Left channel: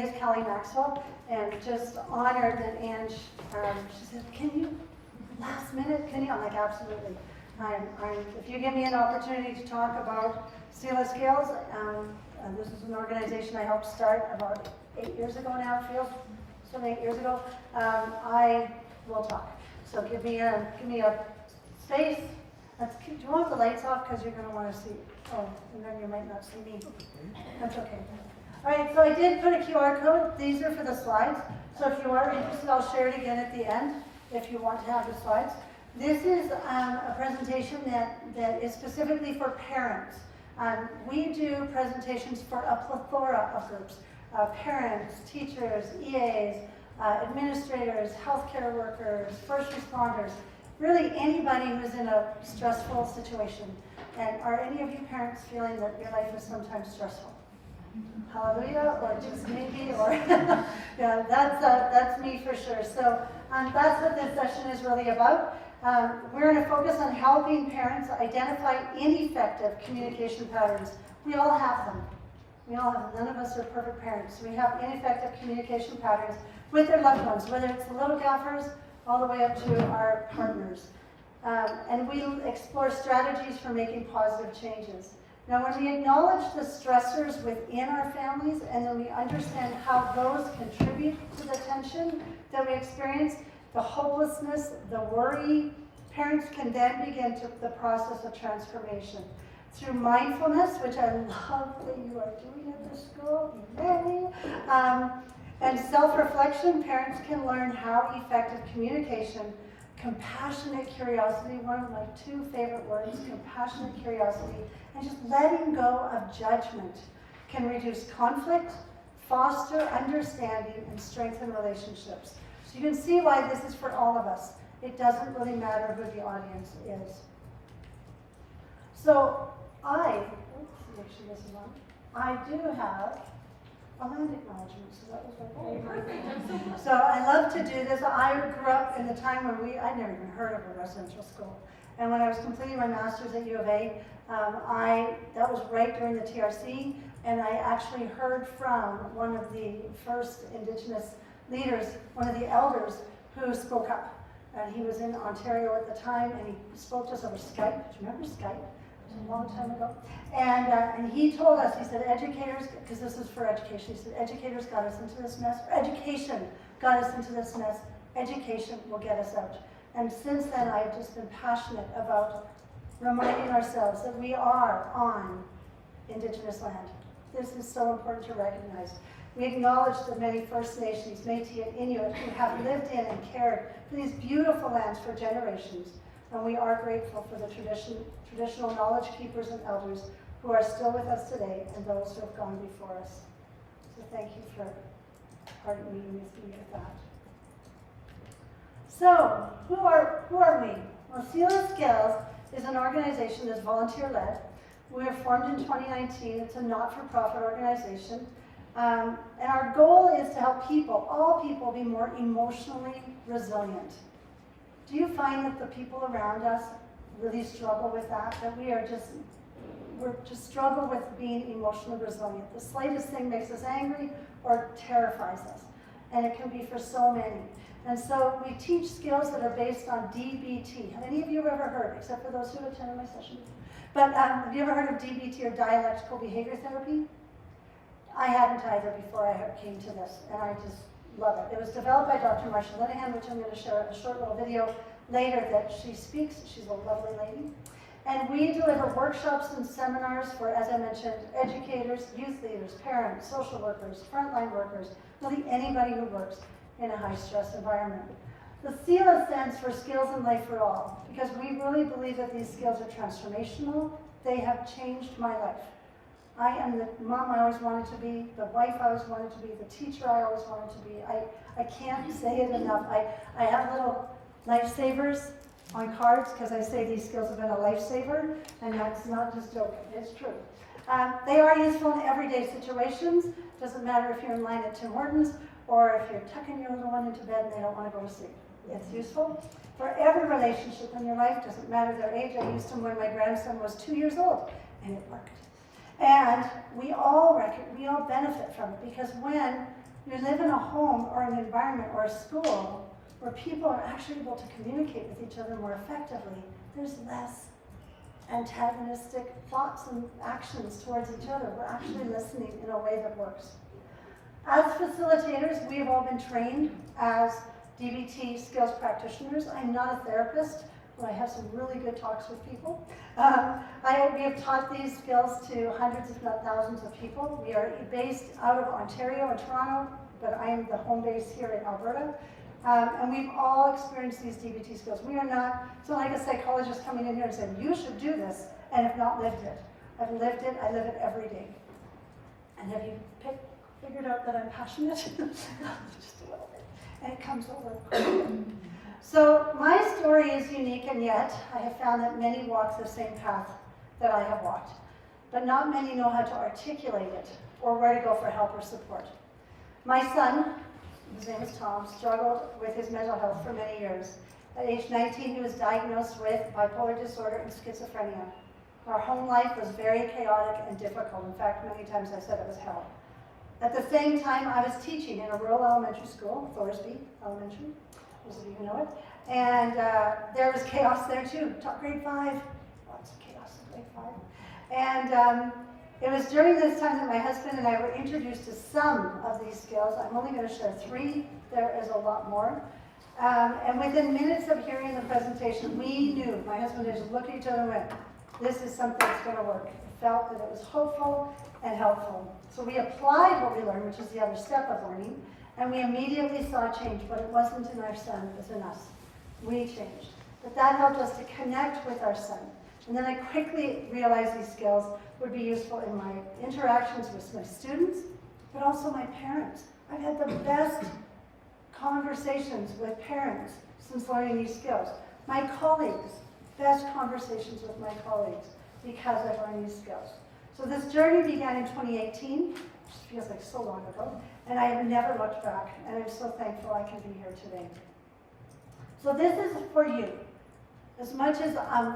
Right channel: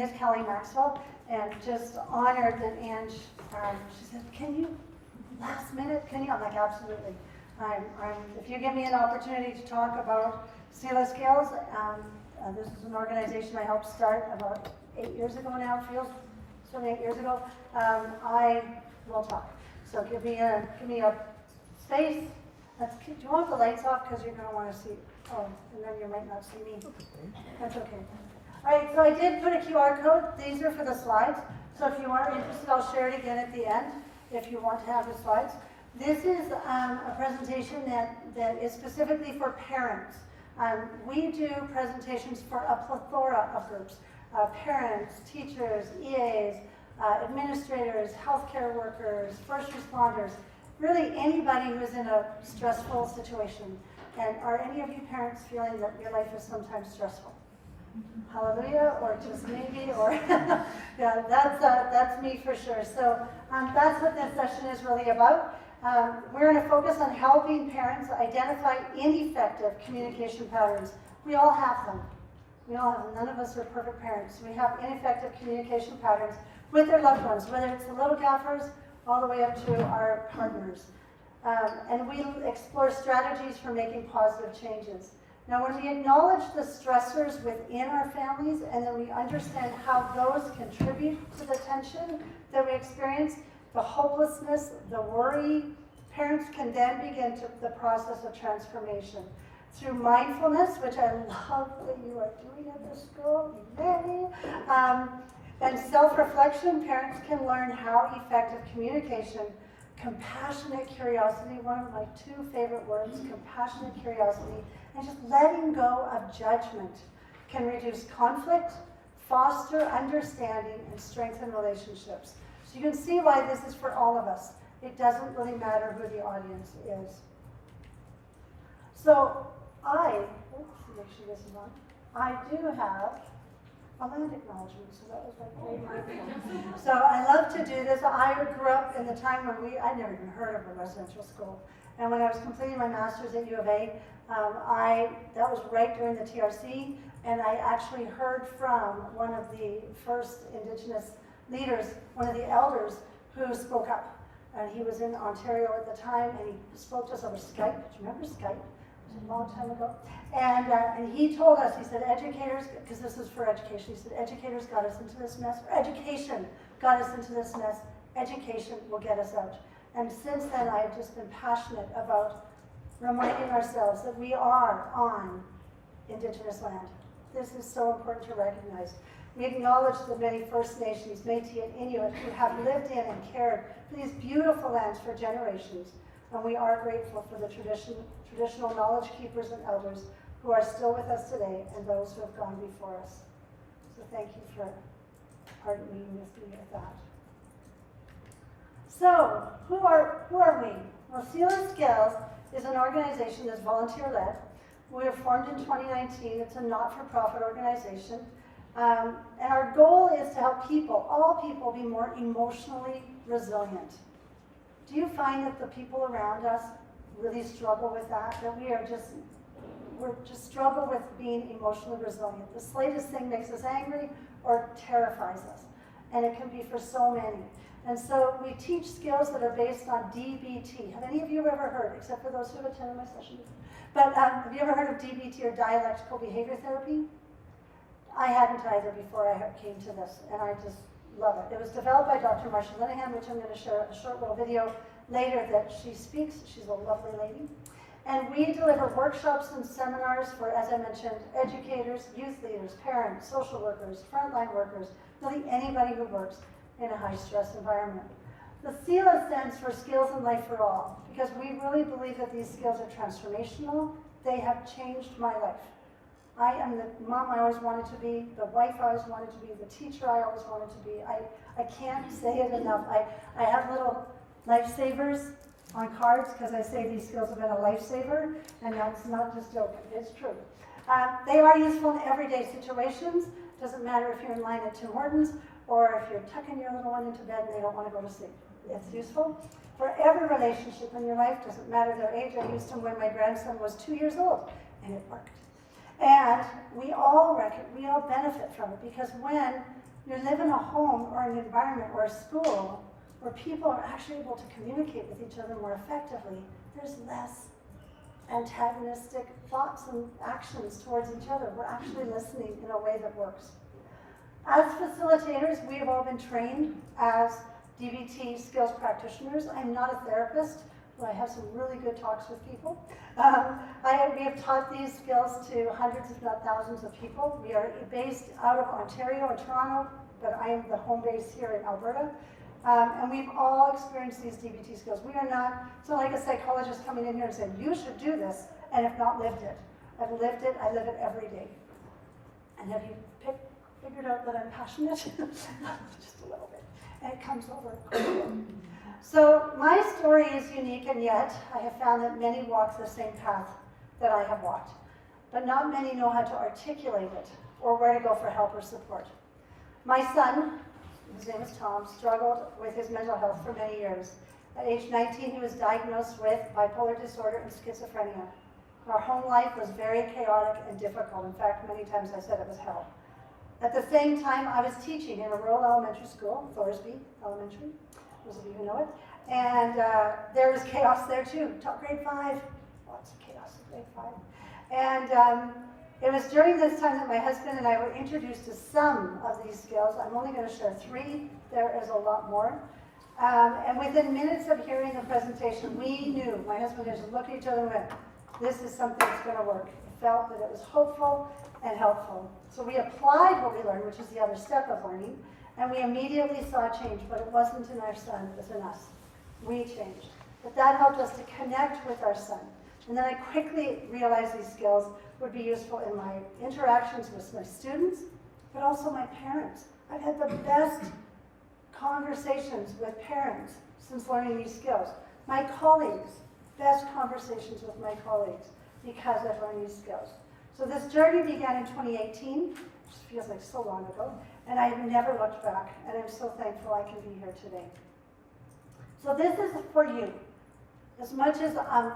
is Kelly Maxwell, and just honored that Ange, she said, can you, last minute, can you? I'm like, absolutely. If you give me an opportunity to talk about SELA Scales, this is an organization I helped start about 8 years ago now, it feels, so 8 years ago. I will talk. So give me a space. Do you want the lights off? Because you're going to want to see, and then you might not see me. That's okay. All right, so I did put a QR code. These are for the slides. So if you are interested, I'll share it again at the end if you want to have the slides. This is a presentation that is specifically for parents. We do presentations for a plethora of groups, parents, teachers, EAs, administrators, healthcare workers, first responders, really anybody who's in a stressful situation. And are any of you parents feeling that your life is sometimes stressful? Hallelujah, or just maybe, or yeah, that's me for sure. So that's what this session is really about. We're going to focus on helping parents identify ineffective communication patterns. We all have them. We all have them. None of us are perfect parents. We have ineffective communication patterns with their loved ones, whether it's the little gaffers all the way up to our partners. And we explore strategies for making positive changes. Now, when we acknowledge the stressors within our families and then we understand how those contribute to the tension that we experience, the hopelessness, the worry, parents can then begin the process of transformation. Through mindfulness, which I love that you are doing at this school, and self-reflection, parents can learn how effective communication, compassionate curiosity, one of my 2 favorite words, compassionate curiosity, and just letting go of judgment can reduce conflict, foster understanding, and strengthen relationships. So you can see why this is for all of us. It doesn't really matter who the audience is. So I do have a land acknowledgement, so that was my favorite. So I love to do this. I grew up in the time when I'd never even heard of a residential school. And when I was completing my master's at U of A, that was right during the TRC, and I actually heard from one of the first Indigenous leaders, one of the elders who spoke up. And he was in Ontario at the time, and he spoke to us over Skype. Do you remember Skype? It was a long time ago. And he told us, he said, educators, because this is for education, he said, educators got us into this mess, or education got us into this mess, education will get us out. And since then, I've just been passionate about reminding ourselves that we are on Indigenous land. This is so important to recognize. We acknowledge the many First Nations, Métis and Inuit who have lived in and cared for these beautiful lands for generations. And we are grateful for the traditional knowledge keepers and elders who are still with us today and those who have gone before us. So thank you for pardoning me with that. So, who are we? Well, SELA Scales is an organization that's volunteer-led. We were formed in 2019. It's a not-for-profit organization. And our goal is to help people, all people, be more emotionally resilient. Do you find that the people around us really struggle with that? That we just struggle with being emotionally resilient. The slightest thing makes us angry or terrifies us. And it can be for so many. And so we teach skills that are based on DBT. Have any of you ever heard, except for those who attended my session? But have you ever heard of DBT, or dialectical behavior therapy? I hadn't either before I came to this, and I just love it. It was developed by Dr. Marcia Linehan, which I'm going to share a short little video later that she speaks. She's a lovely lady. And we deliver workshops and seminars for, as I mentioned, educators, youth leaders, parents, social workers, frontline workers, really anybody who works in a high-stress environment. The SELA stands for Skills in Life for All, because we really believe that these skills are transformational. They have changed my life. I am the mom I always wanted to be, the wife I always wanted to be, the teacher I always wanted to be. I can't say it enough. I have little lifesavers on cards because I say these skills have been a lifesaver, and that's not just joking, it's true. They are useful in everyday situations. Doesn't matter if you're in line at Tim Hortons or if you're tucking your little one into bed and they don't want to go to sleep. It's useful for every relationship in your life. Doesn't matter their age. I used them when my grandson was 2 years old, and it worked. And we all benefit from it, because when you live in a home or an environment or a school where people are actually able to communicate with each other more effectively, there's less antagonistic thoughts and actions towards each other. We're actually listening in a way that works. As facilitators, we have all been trained as DBT skills practitioners. I'm not a therapist, but I have some really good talks with people. We have taught these skills to hundreds, if not thousands of people. We are based out of Ontario and Toronto, but I am the home base here in Alberta. And we've all experienced these DBT skills. We are not, it's not like a psychologist coming in here and saying, you should do this, and have not lived it. I've lived it, I live it every day. And have you figured out that I'm passionate? Just a little bit. And it comes over. So my story is unique, and yet I have found that many walk the same path that I have walked. But not many know how to articulate it, or where to go for help or support. My son, his name is Tom, struggled with his mental health for many years. At age 19, he was diagnosed with bipolar disorder and schizophrenia. Our home life was very chaotic and difficult. In fact, many times I said it was hell. At the same time, I was teaching in a rural elementary school, Thorsby Elementary, those of you who know it. And there was chaos there too. Grade 5, lots of chaos in grade 5. And it was during this time that my husband and I were introduced to some of these skills. I'm only going to share 3. There is a lot more. And within minutes of hearing the presentation, we knew, my husband and I just looked at each other and went, this is something that's going to work. We felt that it was hopeful and helpful. So we applied what we learned, which is the other step of learning, and we immediately saw change, but it wasn't in our son, it was in us. We changed. But that helped us to connect with our son. And then I quickly realized these skills would be useful in my interactions with my students, but also my parents. I've had the best conversations with parents since learning these skills. My colleagues, best conversations with my colleagues because I've learned these skills. So this journey began in 2018, which feels like so long ago, and I have never looked back, and I'm so thankful I can be here today. So this is for you. As much as, I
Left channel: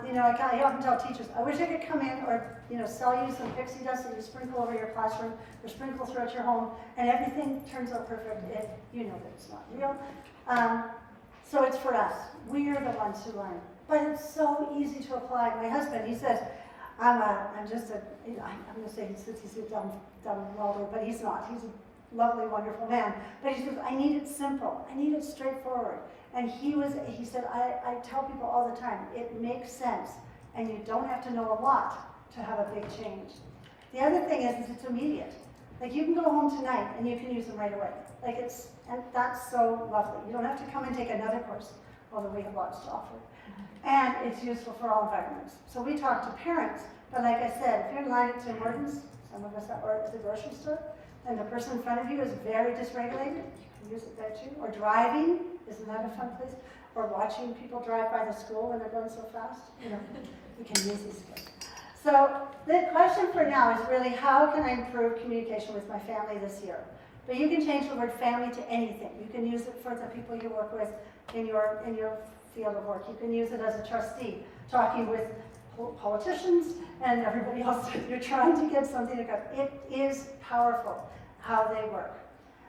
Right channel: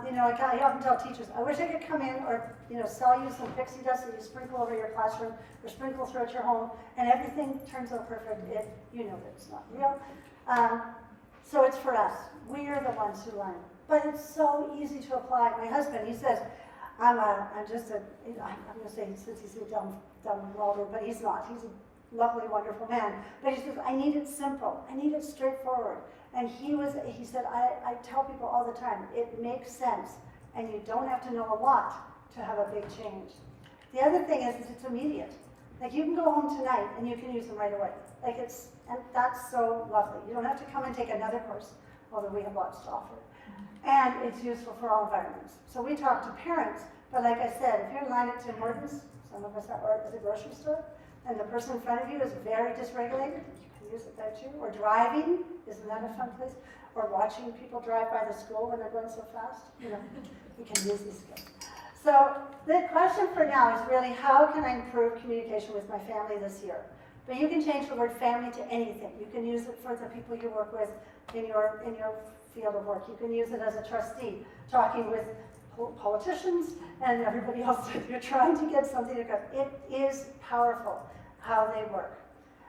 often tell teachers, I wish I could come in or, sell you some pixie dust that you sprinkle over your classroom or sprinkle throughout your home, and everything turns out perfect. You know that it's not real. So it's for us. We are the ones who learn. But it's so easy to apply. My husband, he says, I'm going to say he says he's a dumb welder, but he's not. He's a lovely, wonderful man. But he says, I need it simple. I need it straightforward. And he said, I tell people all the time, it makes sense, and you don't have to know a lot to have a big change. The other thing is it's immediate. Like, you can go home tonight and you can use them right away. And that's so lovely. You don't have to come and take another course, although we have lots to offer. And it's useful for all environments. So we talk to parents, but like I said, if you're in line at Tim Hortons, some of us are at the grocery store, and the person in front of you is very dysregulated, you can use it there too. Or driving, isn't that a fun place? Or watching people drive by the school when they're going so fast. We can use these skills. So the question for now is really, how can I improve communication with my family this year? But you can change the word family to anything. You can use it for the people you work with in your field of work. You can use it as a trustee, talking with politicians and everybody else. You're trying to get something to go. It is powerful how they work.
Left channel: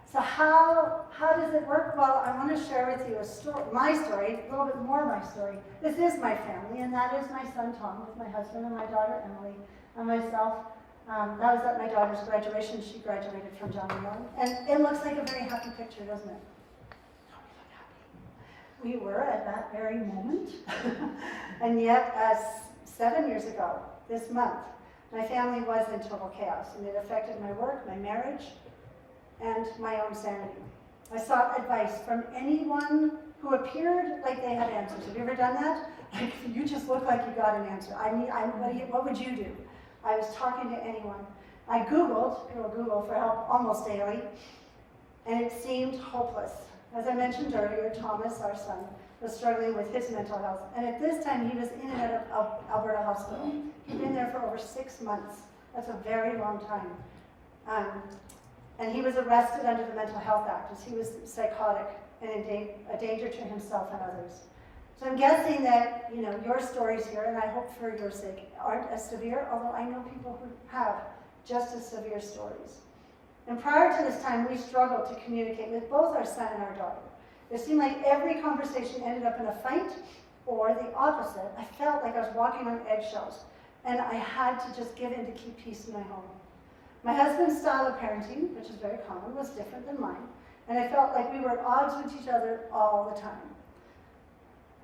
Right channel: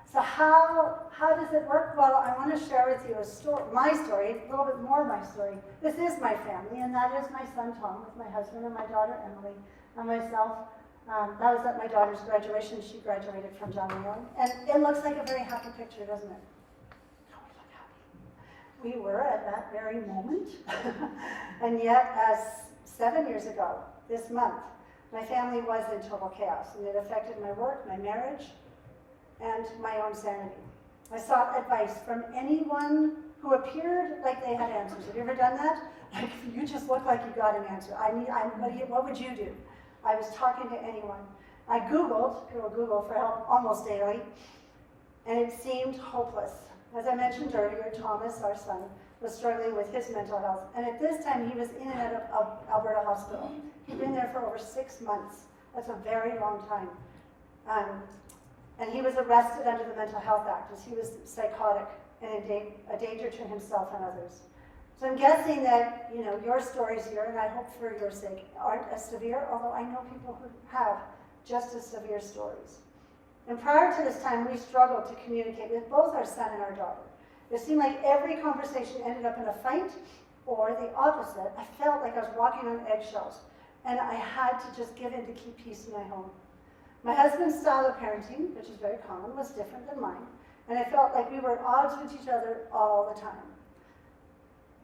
So how does it work? Well, I want to share with you my story, a little bit more my story. This is my family, and that is my son Tom, with my husband and my daughter Emily, and myself. That was at my daughter's graduation. She graduated from John Young. And it looks like a very happy picture, doesn't it? We were at that very moment. And yet, 7 years ago, this month, my family was in total chaos, and it affected my work, my marriage, and my own sanity. I sought advice from anyone who appeared like they had answers. Have you ever done that? Like, you just look like you got an answer. What would you do? I was talking to anyone. I Googled, Google for help almost daily, and it seemed hopeless. As I mentioned earlier, Thomas, our son, was struggling with his mental health, and at this time he was in and out of Alberta Hospital. He'd been there for over 6 months. That's a very long time. And he was arrested under the Mental Health Act as he was psychotic and a danger to himself and others. So I'm guessing that your stories here, and I hope for your sake, aren't as severe, although I know people who have just as severe stories. And prior to this time, we struggled to communicate with both our son and our daughter. It seemed like every conversation ended up in a fight, or the opposite. I felt like I was walking on eggshells, and I had to just give in to keep peace in my home. My husband's style of parenting, which is very common, was different than mine, and I felt like we were at odds with each other all the time.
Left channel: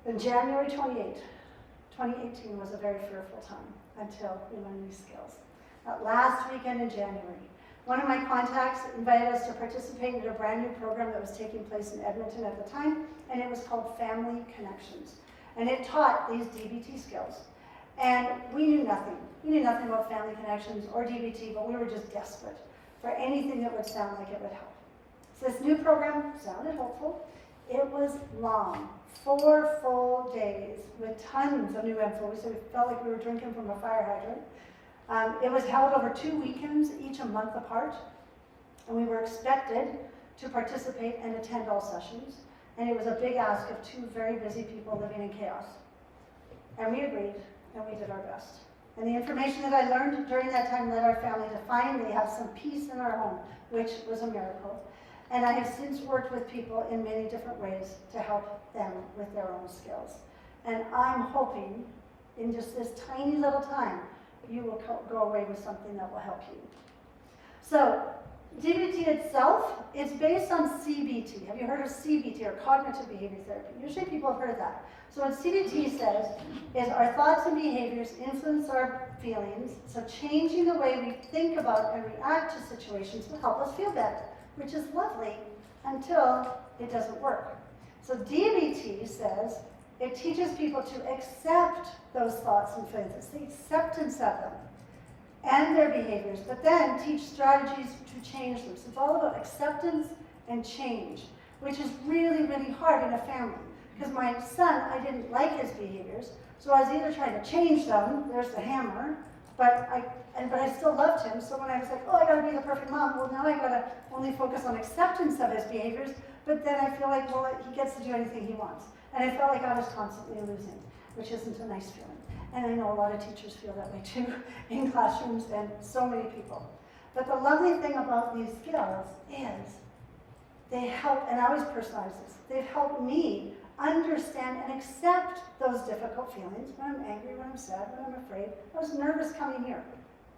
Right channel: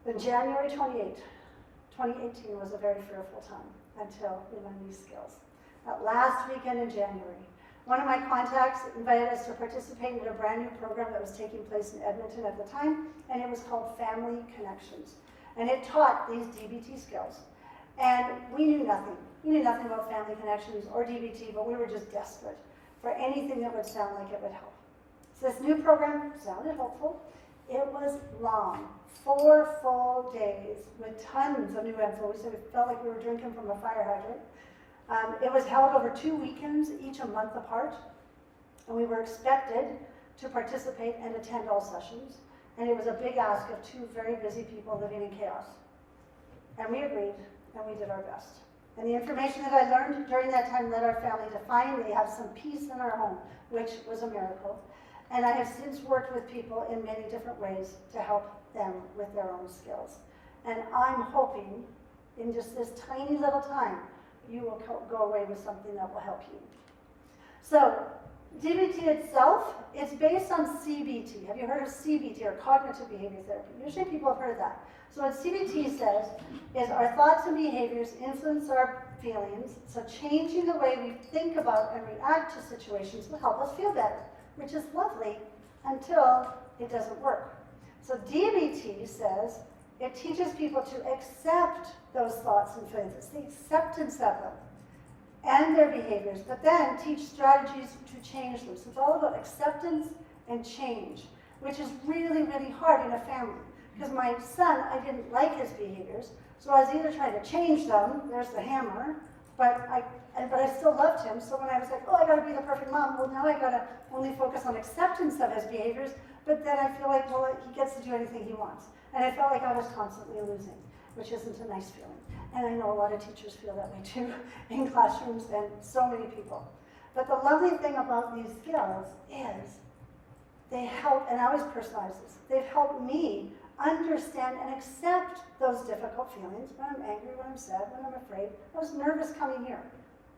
On January 28, 2018 was a very fearful time until we learned these skills. That last weekend in January, one of my contacts invited us to participate in a brand new program that was taking place in Edmonton at the time, and it was called Family Connections. And it taught these DBT skills. And we knew nothing. We knew nothing about Family Connections or DBT, but we were just desperate for anything that would sound like it would help. So this new program sounded hopeful. It was long, 4 full days with tons of new info, so we felt like we were drinking from a fire hydrant. It was held over 2 weekends, each a month apart, and we were expected to participate and attend all sessions, and it was a big ask of 2 very busy people living in chaos. And we agreed, and we did our best. And the information that I learned during that time led our family to finally have some peace in our home, which was a miracle. And I have since worked with people in many different ways to help them with their own skills. And I'm hoping, in just this tiny little time, you will go away with something that will help you. So, DBT itself is based on CBT. Have you heard of CBT, or cognitive behavior therapy? Usually people have heard of that. So what CBT says is our thoughts and behaviors influence our feelings, so changing the way we think about and react to situations will help us feel better, which is lovely until it doesn't work. So DBT says it teaches people to accept those thoughts and feelings. It's the acceptance of them and their behaviors, but then teach strategies to change them. So it's all about acceptance and change, which is really, really hard in a family. Because my son, I didn't like his behaviors, so I was either trying to change them, there's the hammer, but I still loved him, so when I was like, oh, I gotta be the perfect mom, well, now I gotta only focus on acceptance of his behaviors, but then I feel like, well, he gets to do anything he wants. And I felt like I was constantly losing, which isn't a nice feeling. And I know a lot of teachers feel that way too, in classrooms, and so many people. But the lovely thing about these skills is they help, and I always personalize this, they've helped me understand and accept those difficult feelings when I'm angry, when I'm sad, when I'm afraid. I was nervous coming here.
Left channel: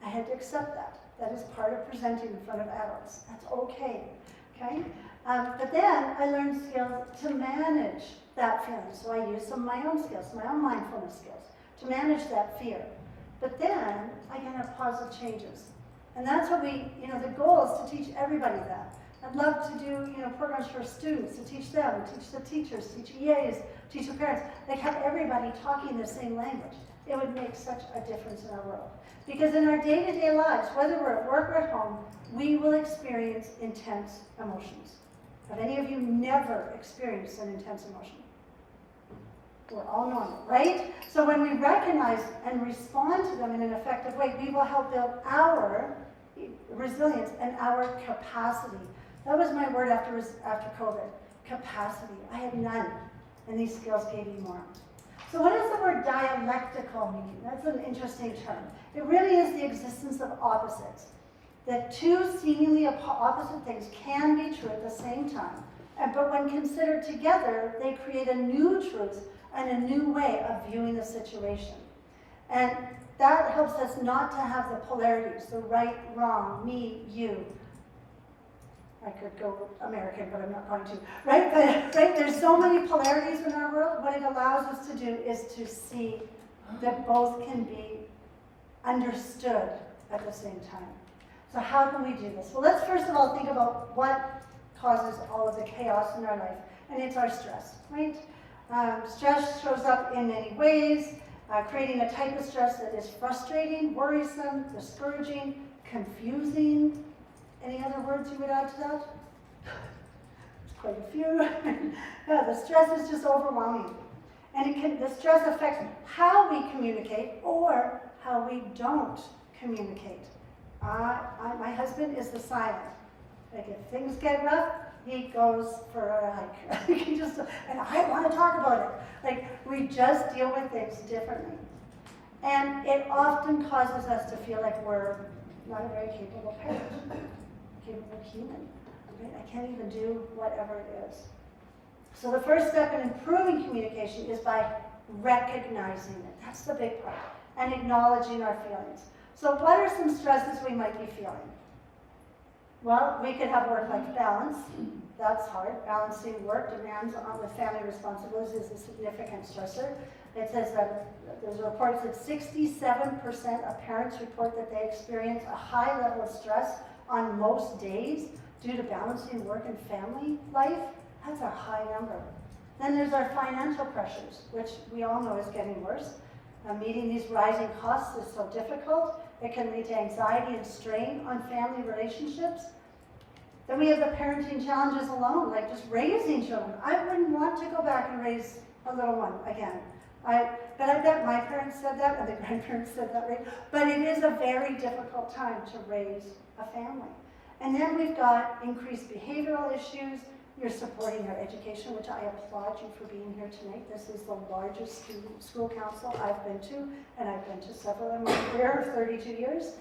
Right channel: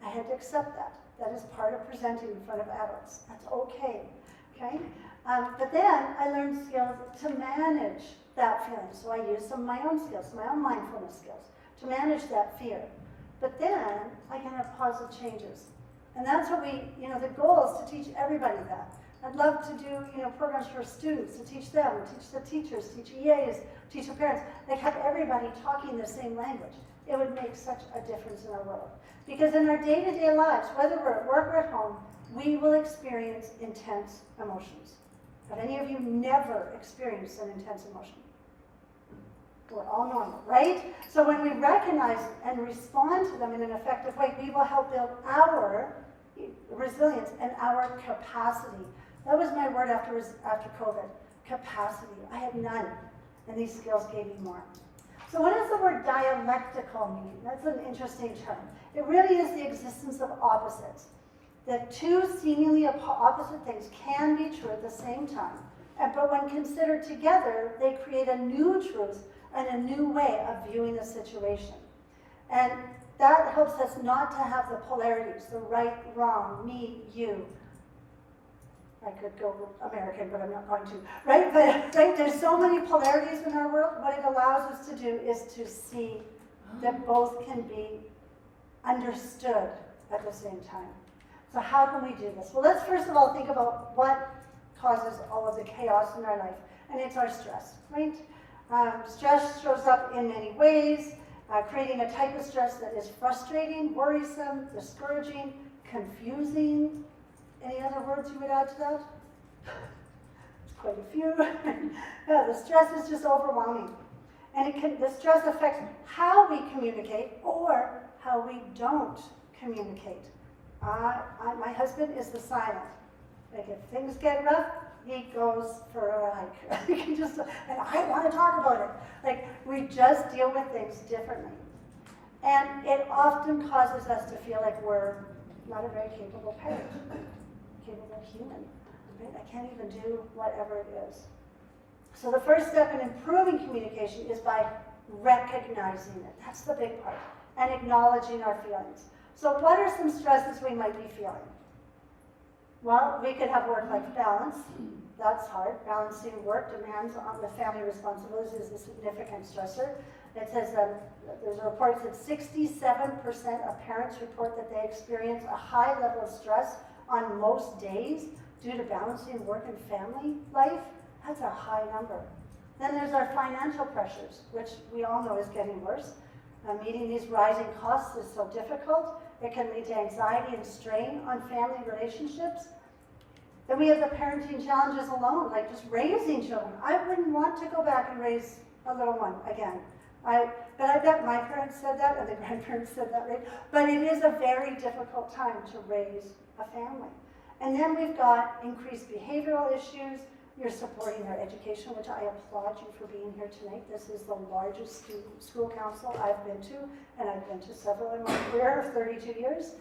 I had to accept that. That is part of presenting in front of adults. That's okay, okay? But then I learned skills to manage that feeling. So I used some of my own skills, my own mindfulness skills, to manage that fear. But then I can have positive changes. And that's what the goal is to teach everybody that. I'd love to do, programs for students, to teach them, teach the teachers, teach EAs, teach the parents, like have everybody talking the same language. It would make such a difference in our world. Because in our day-to-day lives, whether we're at work or at home, we will experience intense emotions. Have any of you never experienced an intense emotion? We're all normal, right? So when we recognize and respond to them in an effective way, we will help build our resilience and our capacity. That was my word after COVID, capacity. I had none, and these skills gave me more. So what does the word dialectical mean? That's an interesting term. It really is the existence of opposites. That 2 seemingly opposite things can be true at the same time, but when considered together, they create a new truth and a new way of viewing a situation. And that helps us not to have the polarities, the right, wrong, me, you. I could go American, but I'm not going to, right? But right, there's so many polarities in our world. What it allows us to do is to see that both can be understood at the same time. So how can we do this? Well, let's first of all think about what causes all of the chaos in our life, and it's our stress, right? Stress shows up in many ways, creating a type of stress that is frustrating, worrisome, discouraging, confusing. Any other words you would add to that? There's quite a few. Yeah, the stress is just overwhelming. And the stress affects how we communicate or how we don't communicate. My husband is the silent. Like if things get rough, he goes for a hike. And I want to talk about it. Like we just deal with things differently. And it often causes us to feel like we're not a very capable parent. communicate with a human, right? I can't even do whatever it is. So the first step in improving communication is by recognizing it. That's the big part. And acknowledging our feelings. So what are some stresses we might be feeling? Well, we could have work-life balance. That's hard. Balancing work demands on with family responsibilities is a significant stressor. It says that there's a report that 67% of parents report that they experience a high level of stress on most days due to balancing work and family life. That's a high number. Then there's our financial pressures, which we all know is getting worse. Meeting these rising costs is so difficult. It can lead to anxiety and strain on family relationships. Then we have the parenting challenges alone, like just raising children. I wouldn't want to go back and raise a little one again. But I bet my parents said that, and the grandparents said that, right? But it is a very difficult time to raise a family. And then we've got increased behavioral issues. You're supporting their education, which I applaud you for being here tonight. This is the largest school council I've been to, and I've been to several in my career of 32 years.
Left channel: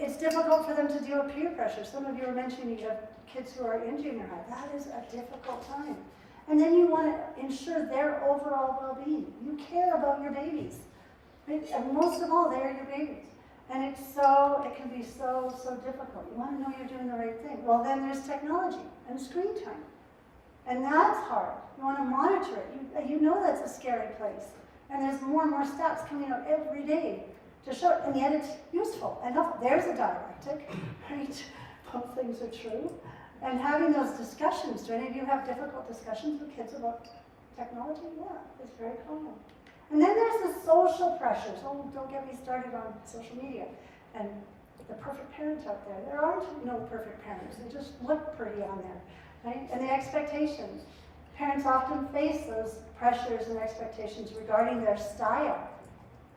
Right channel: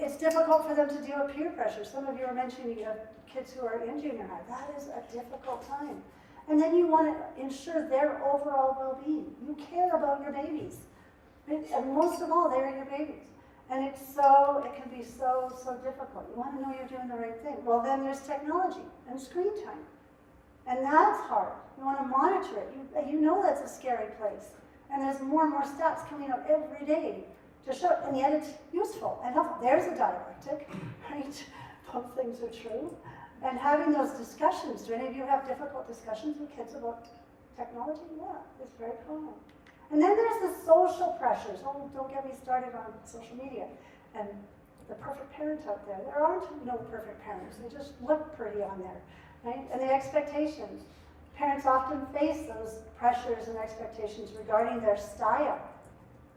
It's difficult for them to deal with peer pressure. Some of you are mentioning you have kids who are in junior high. That is a difficult time. And then you want to ensure their overall well-being. You care about your babies. Right? And most of all, they're your babies. And it can be so difficult. You want to know you're doing the right thing. Well, then there's technology and screen time. And that's hard. You want to monitor it. You know that's a scary place. And there's more and more stats coming out every day to show it. And yet it's useful and helpful. There's a dialectic, right? Both things are true. And having those discussions, do any of you have difficult discussions with kids about technology? Yeah, it's very common. And then there's the social pressures. Oh, don't get me started on social media and the perfect parent out there. There aren't no perfect parents. They just look pretty on there, right? And the expectations. Parents often face those pressures and expectations regarding their style.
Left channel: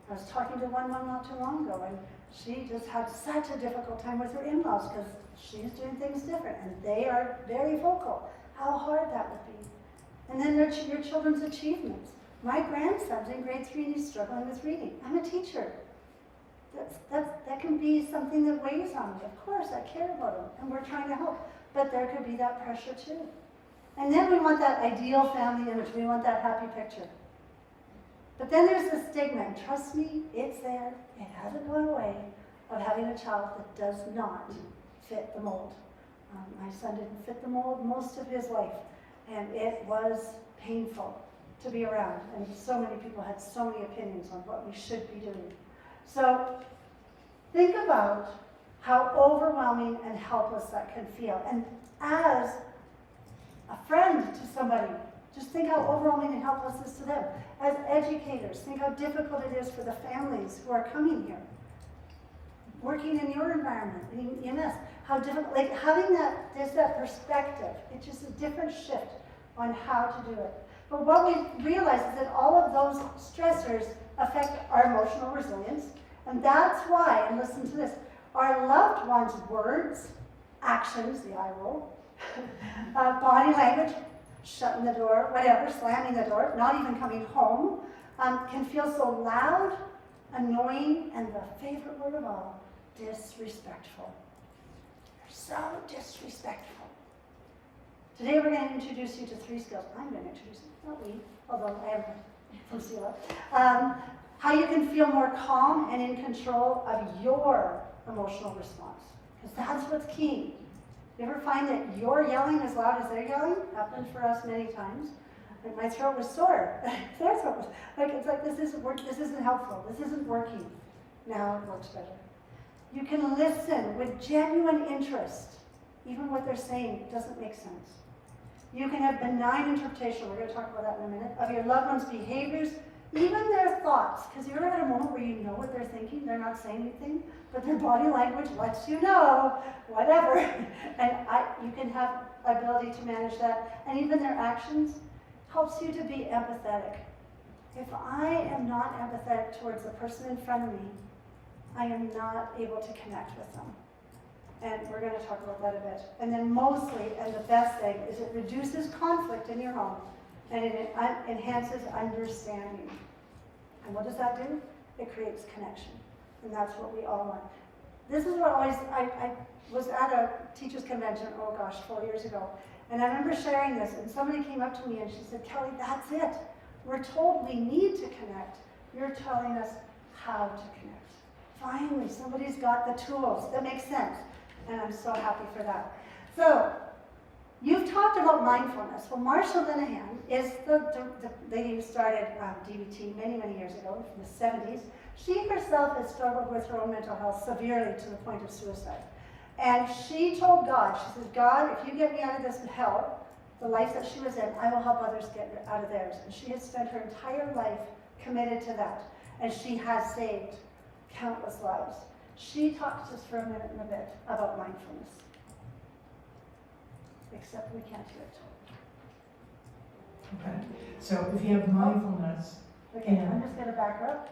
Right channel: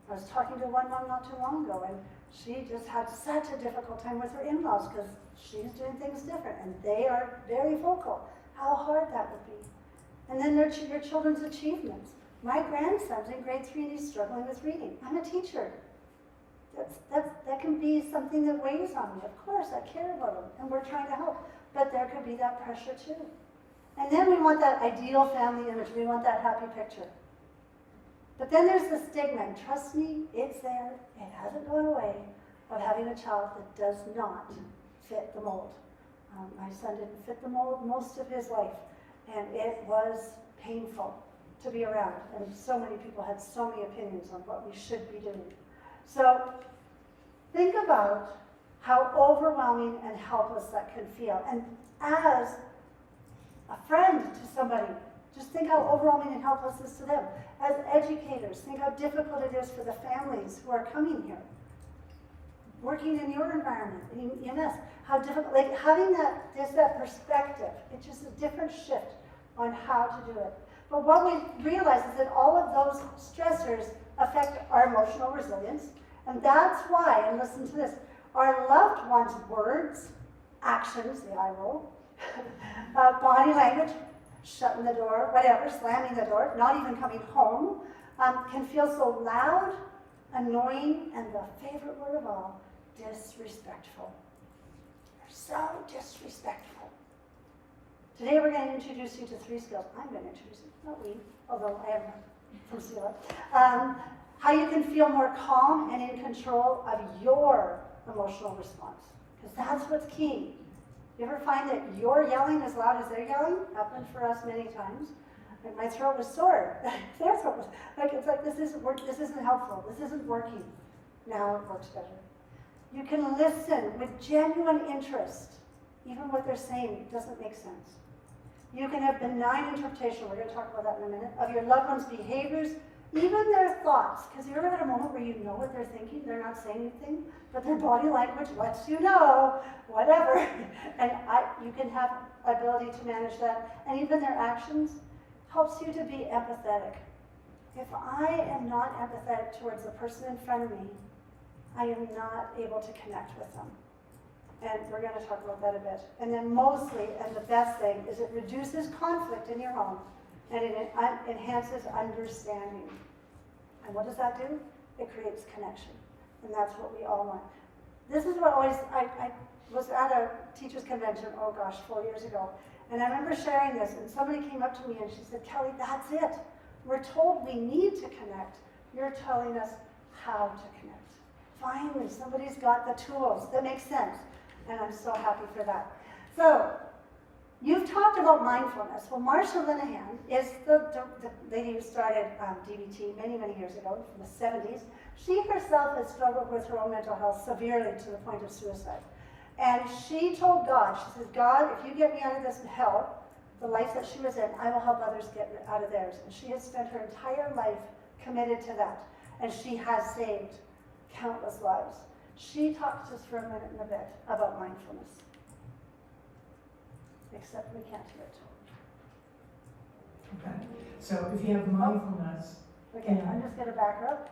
I was talking to one mom not too long ago, and she just had such a difficult time with her in-laws because she's doing things different, and they are very vocal. How hard that would be. And then your children's achievements. My grandson's in grade 3 and he's struggling with reading. I'm a teacher. That can be something that weighs on me. Of course, I care about him, and we're trying to help. But there could be that pressure too. And then we want that ideal family image. We want that happy picture. But then there's the stigma, and trust me, it's there. It hasn't gone away, of having a child that does not fit the mold. My son didn't fit the mold most of his life, and it was painful to be around. And so many people had so many opinions on what we should be doing. So think about how overwhelming and helpless that can feel. And as a friend to somebody, just think how overwhelming and helpless this is to them. As educators, think how difficult it is for the families who are coming here. Working in your environment, in EMS, how difficult, like having that perspective, it's just a different shift on how to do it. But what we realize is that all of those stressors affect our emotional resilience, and that's why, and listen to this, our loved ones' words, actions, the eye roll, body language, shutting the door, whatever, slamming the door, not even coming home, can feel so loud, annoying, and the favorite word of all, disrespectful. You're so disrespectful. Today we're going to introduce you to 3 skills. I'm going to introduce you, not we, although I am from CELA. How you can feel more calm and in control of your emotional response. Because that's what's key. You ever find that you're yelling as loud as they're yelling? Happened for us many times. Like my throat was sore. Their throat was, it's like this isn't helpful. This isn't working. Now it works better. You can listen with genuine interest. Even what they're saying doesn't make sense. You can have benign interpretation, we're going to talk about that in a minute, of your loved one's behaviors, even their thoughts. Because you ever had a moment where you know what they're thinking, they're not saying anything, but their body language lets you know, whatever. And you can have ability to manage that. And even their actions helps you to be empathetic. If I am not empathetic towards the person in front of me, I am not able to connect with them. And we're going to talk about that a bit. And then mostly, and the best thing, is it reduces conflict in your home, and it enhances understanding. And what does that do? It creates connection. And that's what we all want. This is what always, was at a teachers convention, oh gosh, 4 years ago. And I remember sharing this, and somebody came up to me and she said, Kelly, that's it. We're told we need to connect. You're telling us how to connect. Finally, somebody's got the tools. That makes sense. And I'm so happy for that. So, you've talked about mindfulness. Well, Marsha Linehan is the lady who started DBT many, many years ago, in the 70s. She herself has struggled with her own mental health severely to the point of suicide. And she told God, she says, God, if you get me out of this hell, the life that she was in, I will help others get out of theirs. And she has spent her entire life committed to that. And she has saved countless lives. She talked to us for a minute and a bit about mindfulness. Except we can't hear it. Okay, so if you have mindfulness, Okay, I'm just going to back up,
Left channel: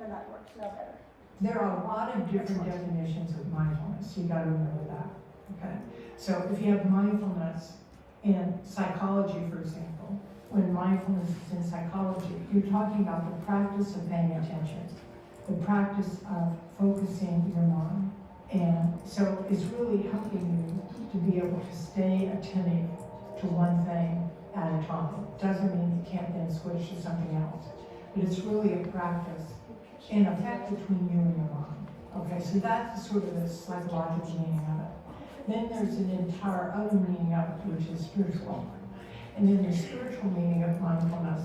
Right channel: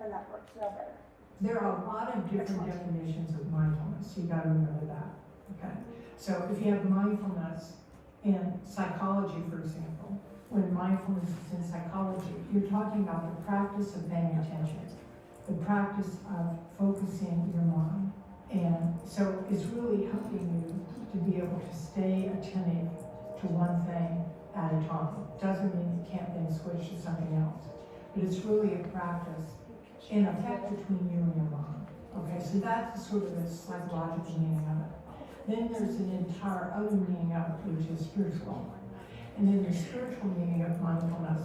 and that works no better. there are a lot of different definitions of mindfulness. You got to remember that. Okay, so if you have mindfulness in psychology, for example, when mindfulness is in psychology, you're talking about the practice of paying attention, the practice of focusing your mind. And so it's really helping you to be able to stay attentive to one thing at a time. Doesn't mean you can't then switch to something else. But it's really a practice in effect between you and your mind. Okay, so that's sort of the psychological meaning of it. Then there's an entire other meaning of it, which is spiritual. And then the spiritual meaning of mindfulness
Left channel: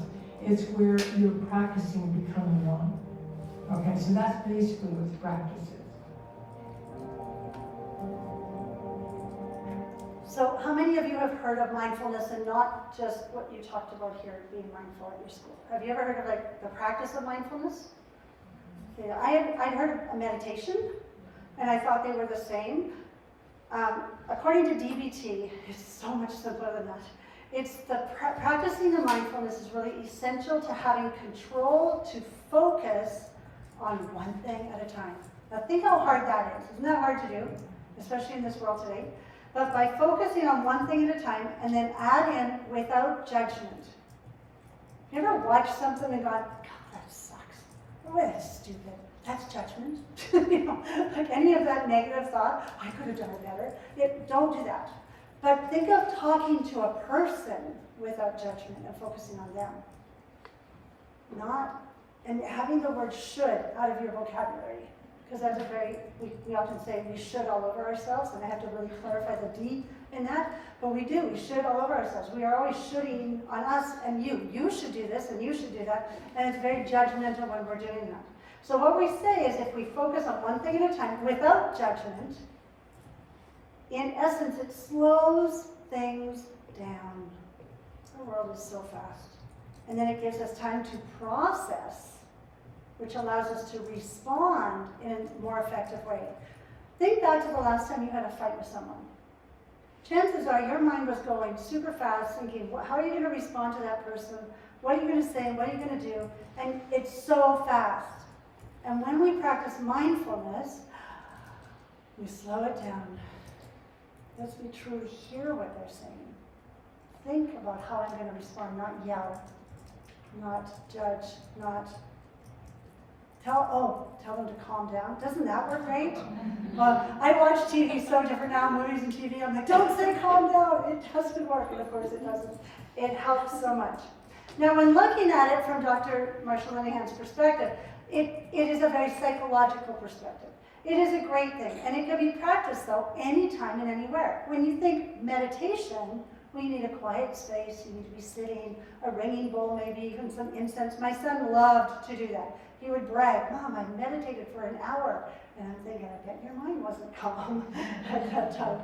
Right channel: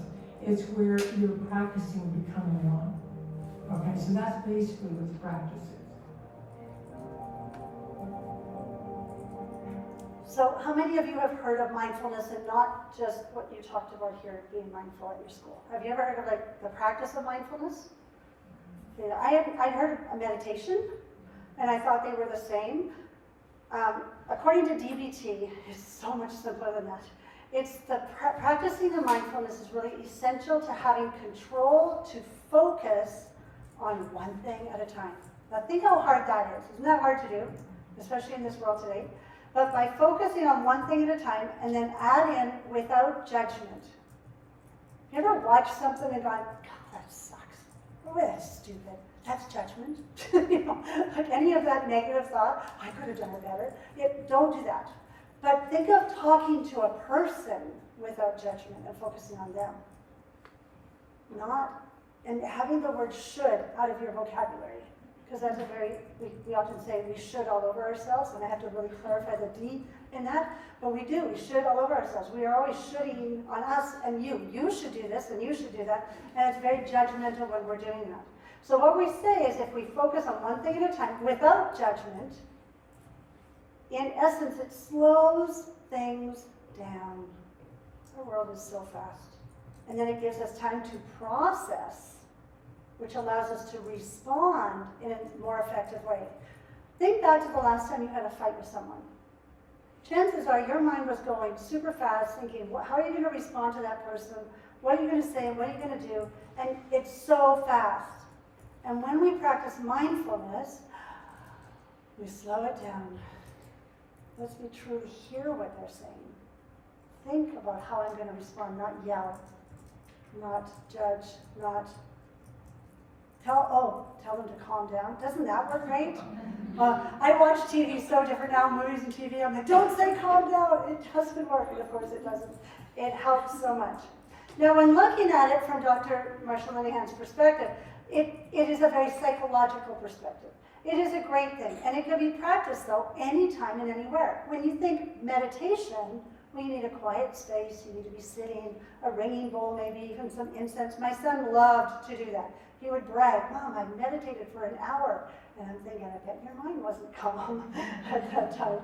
is where you're practicing becoming one. Okay, so that's basically what the practice is. So how many of you have heard of mindfulness and not just what you talked about here, being mindful at your school? Have you ever heard of like the practice of mindfulness? Yeah, I'd heard of meditation, and I thought they were the same. According to DBT, it's so much simpler than that. It's the practicing of mindfulness is really essential to having control to focus on one thing at a time. Now think how hard that is. Isn't that hard to do, especially in this world today? But by focusing on one thing at a time and then add in without judgment. You ever watched something and gone, God, that sucks. Oh, that's stupid. That's judgment. You know, like any of that negative thought, I could have done it better. Don't do that. But think of talking to a person without judgment and focusing on them. And having the word should out of your vocabulary. Because that's a very, we often say we should all over ourselves, and I have to really clarify the D in that, but we do, we should all over ourselves. We are always shoulding on us and you. You should do this and you should do that, and it's very judgmental when we're doing that. So what we say is if we focus on one thing at a time without judgment, in essence it slows things down. The world is so fast. And then it gives us time to process, which allows us to respond in a more effective way. Think back to the last time you had a fight with someone. Chances are your mind was going super fast, thinking, how are you going to respond to that person? What are you going to say? What are you going to do? And it's so fast. And when we practice mindfulness, we slow it down. As we truly hear what they're saying. Think about how I'm going to respond, not yell, not judge, not tell them to calm down. Doesn't that work great? I watch TV so different now, movies and TV. I'm like, don't say calm down. It doesn't work, and of course it doesn't. It helps so much. Now, when looking at it from Dr. Marsha Linehan's perspective, it is a very psychological perspective. It is a great thing, and it can be practiced though anytime and anywhere. When you think meditation, well, you need a quiet space, you need to be sitting, a ringing bowl, maybe even some incense. My son loved to do that. He would brag, Mom, I meditated for an hour. And I'm thinking, I bet your mind wasn't calm at that time.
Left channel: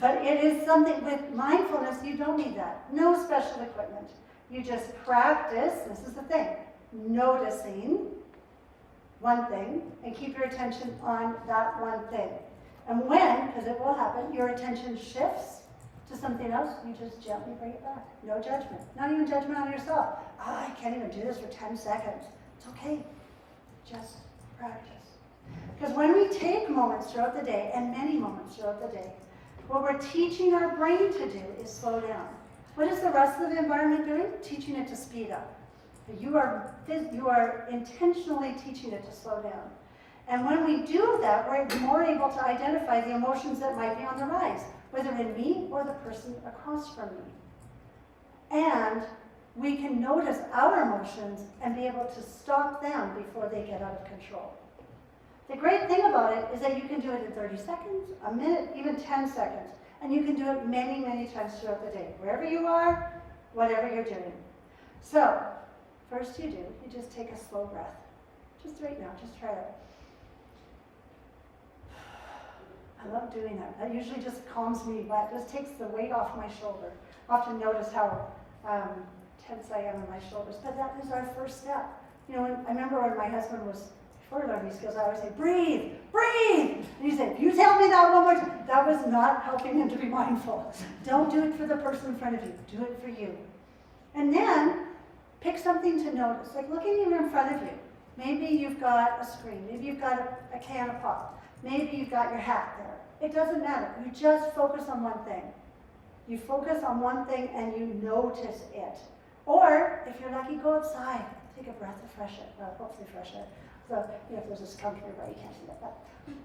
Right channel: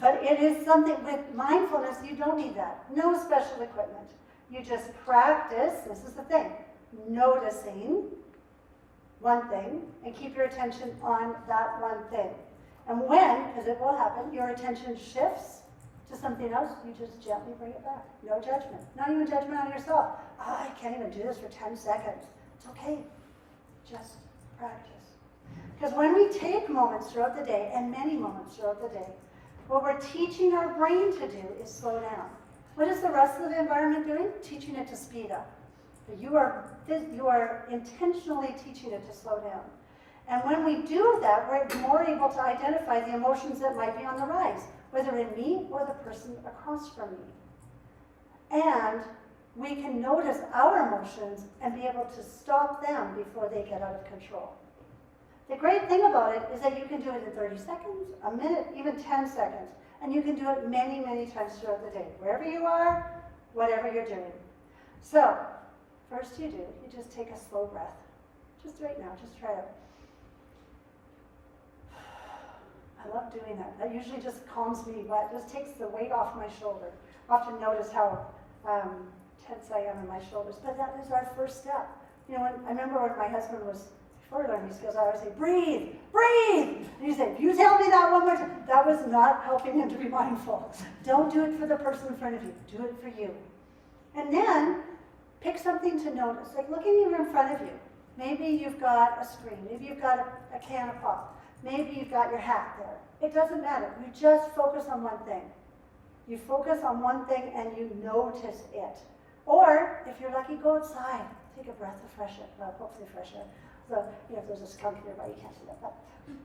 But it is something, with mindfulness, you don't need that. No special equipment. You just practice, this is the thing, noticing one thing and keep your attention on that one thing. And when, because it will happen, your attention shifts to something else, you just gently bring it back. No judgment. Not even judgment on yourself. Oh, I can't even do this for 10 seconds. It's okay. Just practice. Because when we take moments throughout the day, and many moments throughout the day, what we're teaching our brain to do is slow down. What is the rest of the environment doing? Teaching it to speed up. But you are intentionally teaching it to slow down. And when we do that, we're more able to identify the emotions that might be on the rise, whether in me or the person across from me. And we can notice our emotions and be able to stop them before they get out of control. The great thing about it is that you can do it in 30 seconds, a minute, even 10 seconds. And you can do it many, many times throughout the day, wherever you are, whatever you're doing. So, first you just take a slow breath. Just right now, just try it. I love doing that. That usually just calms me, but it just takes the weight off my shoulder. I often notice how tense I am in my shoulders, but that is our first step. You know, I remember when my husband was before learning these skills, I always say, breathe, breathe. And he'd say, if you tell me that one more time, that was not helping him to be mindful. Don't do it for the person in front of you, do it for you. And then pick something to notice, like looking even in front of you. Maybe you've got a screen, maybe you've got a can of pop, maybe you've got your hat there. It doesn't matter, you just focus on one thing. You focus on one thing and you notice it. Or, if you're lucky, go outside, take a breath of fresh air, well, hopefully fresh air. So, you know, if there's a skunk nearby, you can't see that.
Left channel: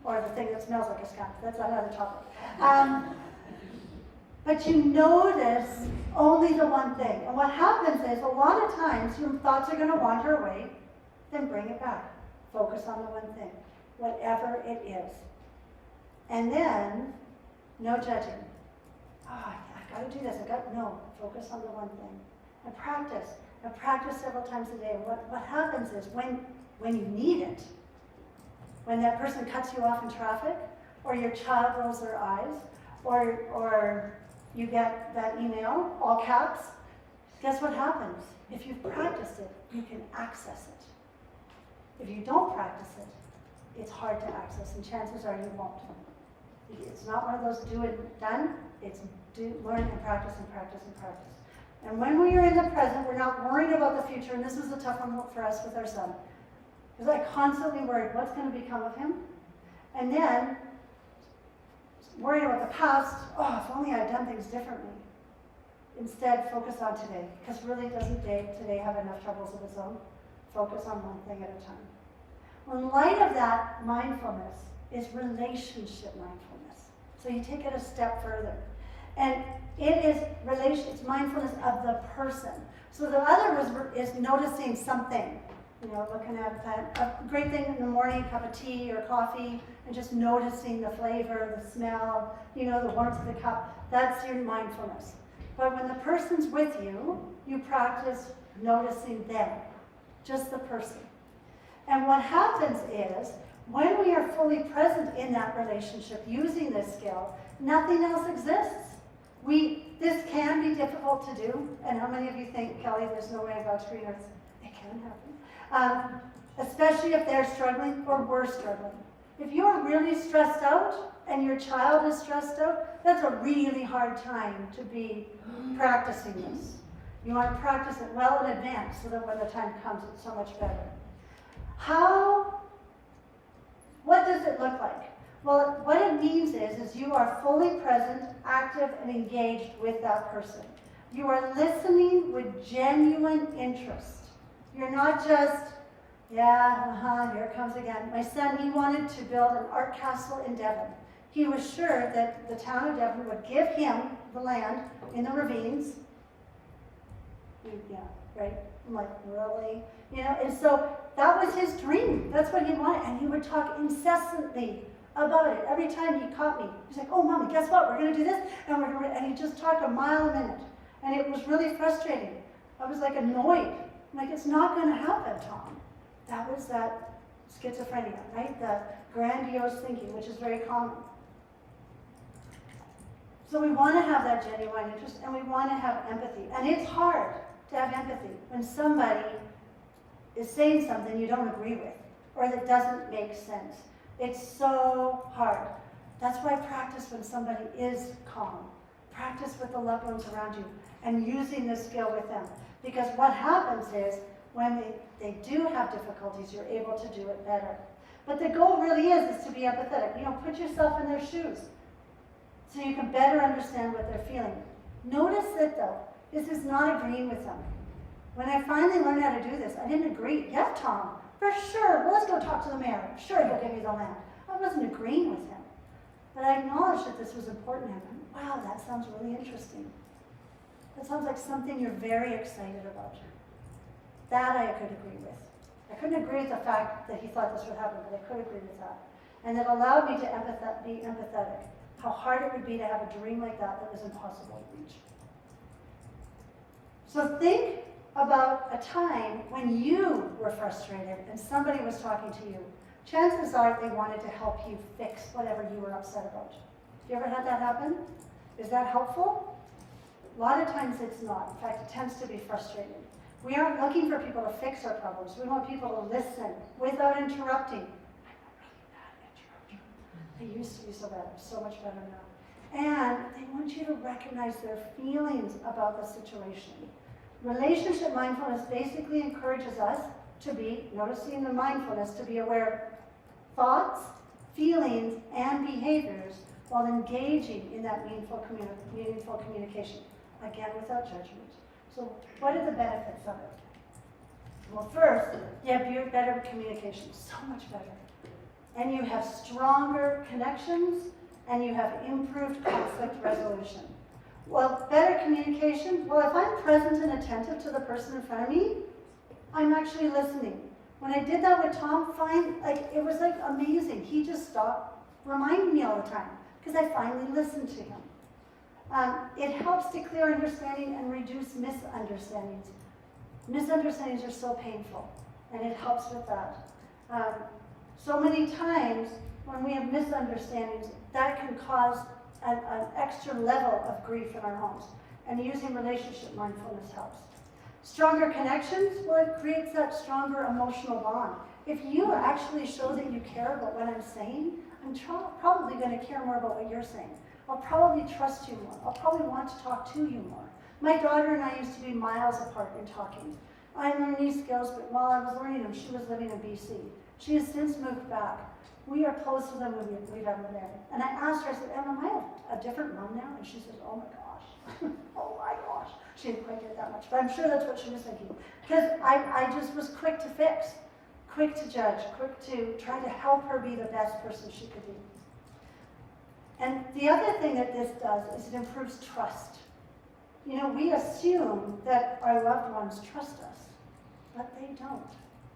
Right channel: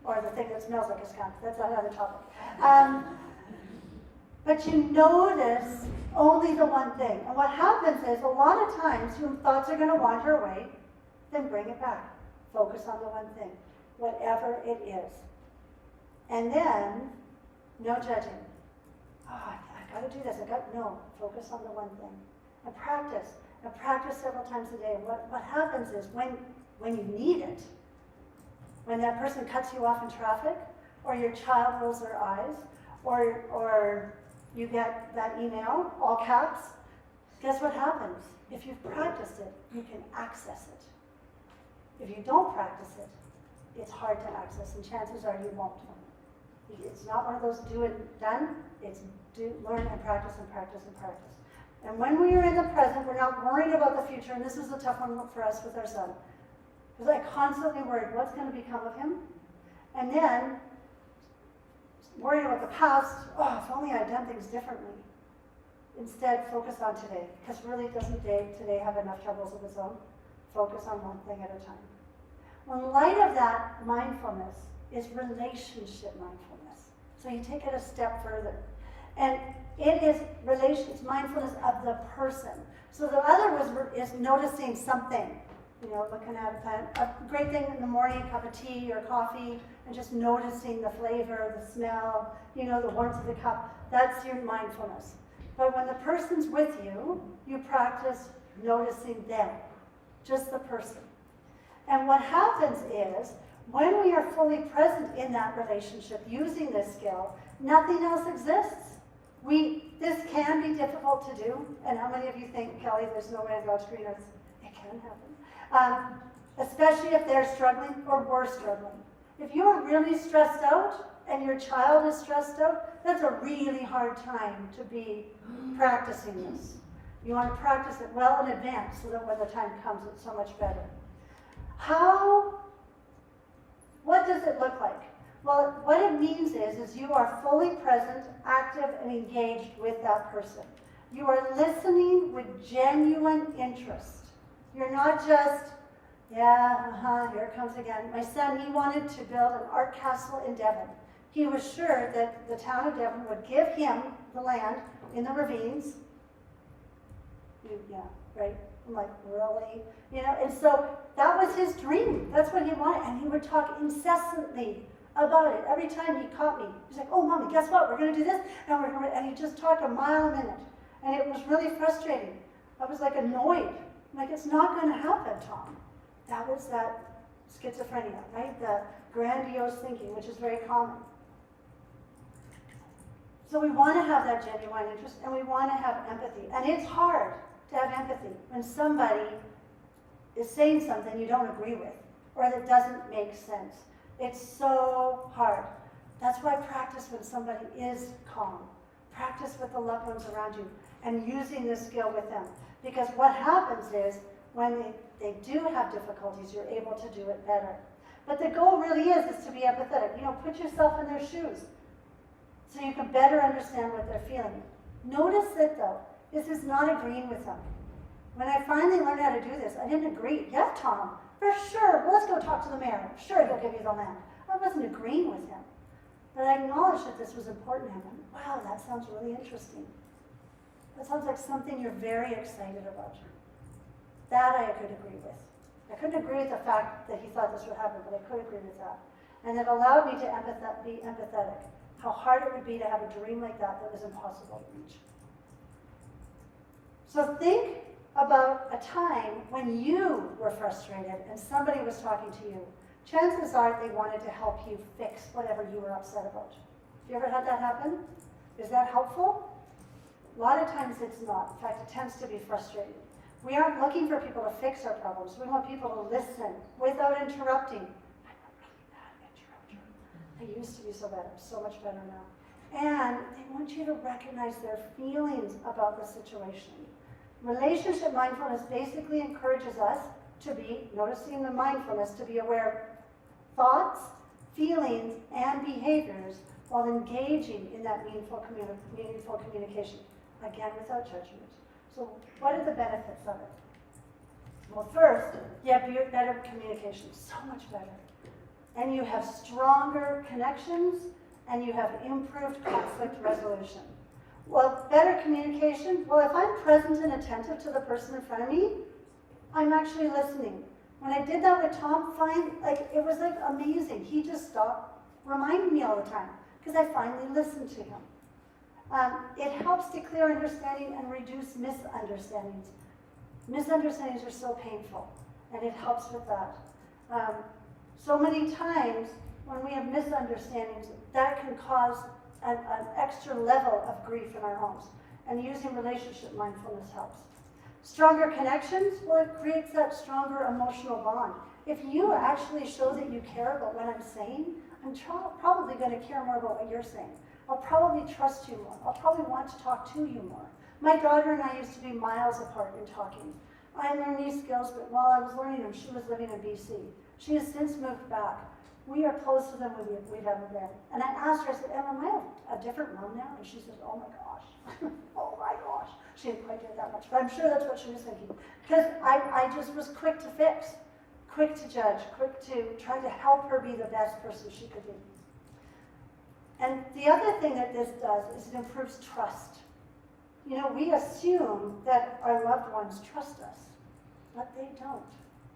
Or the thing that smells like a skunk, that's another topic. But you notice only the one thing. And what happens is, a lot of times, your thoughts are going to wander away, then bring it back. Focus on the one thing, whatever it is. And then, no judging. Oh, I got to do this, no, focus on the one thing. And practice several times a day. What happens is, when you need it, when that person cuts you off in traffic, or your child rolls their eyes, or you get that email, all caps, guess what happens? If you've practiced it, you can access it. If you don't practice it, it's hard to access, and chances are you won't. It's not one of those do it, done. It's learn and practice and practice and practice. And when we are in the present, we're not worried about the future, and this was a tough one for us with our son. Because I constantly worried, what's going to become of him? And then, worried about the past, if only I'd done things differently. Instead, focus on today. Because really, doesn't today have enough troubles of its own? Focus on one thing at a time. Well, in light of that, mindfulness is relationship mindfulness. So you take it a step further. And it's mindfulness of the person. So the other is noticing something. You know, looking at that. A great thing in the morning, a cup of tea or coffee, and just noticing the flavor, the smell, you know, the warmth of the cup. That's your mindfulness. But when the person's with you, you practice noticing them, just the person. And what happens is, when we are fully present in that relationship using this skill, nothing else exists. This can be difficult to do, and how many of you think, Kelly, there's no way to go screen earth? It can happen. Especially if they're struggling or we're struggling. If you're really stressed out and your child is stressed out, that's a really hard time to be practicing this. You want to practice it well in advance so that when the time comes, it's so much better. What does it look like? Well, what it means is you are fully present, active, and engaged with that person. You are listening with genuine interest. You're not just, here it comes again. My son, he wanted to build an art castle in Devon. He was sure that the town of Devon would give him the land in the ravines. Yeah, right? I'm like, really? You know, and so that was his dream. That's what he wanted. And he would talk incessantly about it. Every time he caught me, he's like, oh, Mommy, guess what? We're going to do this. And he'd just talk a mile a minute. And it was really frustrating. I was like annoyed. I'm like, it's not going to happen, Tom. That was that schizophrenia, right? The grandiose thinking, which is very common. So we want to have that genuine interest, and we want to have empathy. And it's hard to have empathy when somebody is saying something you don't agree with, or that doesn't make sense. It's so hard. That's why practice when somebody is calm. Practice with the loved ones around you, and using this skill with them. Because what happens is, when they do have difficulties, you're able to do it better. But the goal really is to be empathetic. You know, put yourself in their shoes so you can better understand what they're feeling. Notice that, though, this is not agreeing with them. When I finally learned how to do this, I didn't agree. Yeah, Tom, For sure, well, let's go talk to the mayor. Sure, he'll give you the land. I wasn't agreeing with him, but I acknowledged that this was important to him. And wow, that sounds really interesting. That sounds like something you're very excited about. That I could agree with. I couldn't agree with the fact that he thought this would happen, but I could agree with that. And it allowed me to be empathetic. How hard it would be to have a dream like that was impossible to reach. So think about a time when you were frustrated and somebody was talking to you. Chances are they wanted to help you fix whatever you were upset about. Have you ever had that happen? Is that helpful? A lot of times it's not. In fact, it tends to be frustrating. We aren't looking for people to fix our problems. We want people to listen without interrupting. I used to be so bad. I'm so much better now. And they want you to recognize their feelings about the situation. Relationship mindfulness basically encourages us to be, noticing the mindfulness, to be aware of thoughts, feelings, and behaviors while engaging in that meaningful communication. Again, without judgment. So what are the benefits of it? Well, first, you have better communication, so much better. And you have stronger connections, and you have improved conflict resolution. Well, better communication, well, if I'm present and attentive to the person in front of me, I'm actually listening. When I did that with Tom, it was like amazing. He just stopped reminding me all the time, because I finally listened to him. It helps to clear understanding and reduce misunderstandings. Misunderstandings are so painful, and it helps with that. So many times, when we have misunderstandings, that can cause an extra level of grief in our homes. And using relationship mindfulness helps. Stronger connections, well, it creates that stronger emotional bond. If you actually show that you care about what I'm saying, I'm probably going to care more about what you're saying. I'll probably trust you more. I'll probably want to talk to you more. My daughter and I used to be miles apart in talking. I learned these skills, but while I was learning them, she was living in BC. She has since moved back. We are closer than we've ever been. And I asked her, I said, Emma, am I a different mom now? And she says, oh my gosh. Oh my gosh. She didn't quite get that much, but I'm sure that's what she was thinking. Because I just was quick to fix, quick to judge, quick to try to help her be the best person she could be. And the other thing that this does is it improves trust. You know, we assume that our loved ones trust us, but they don't.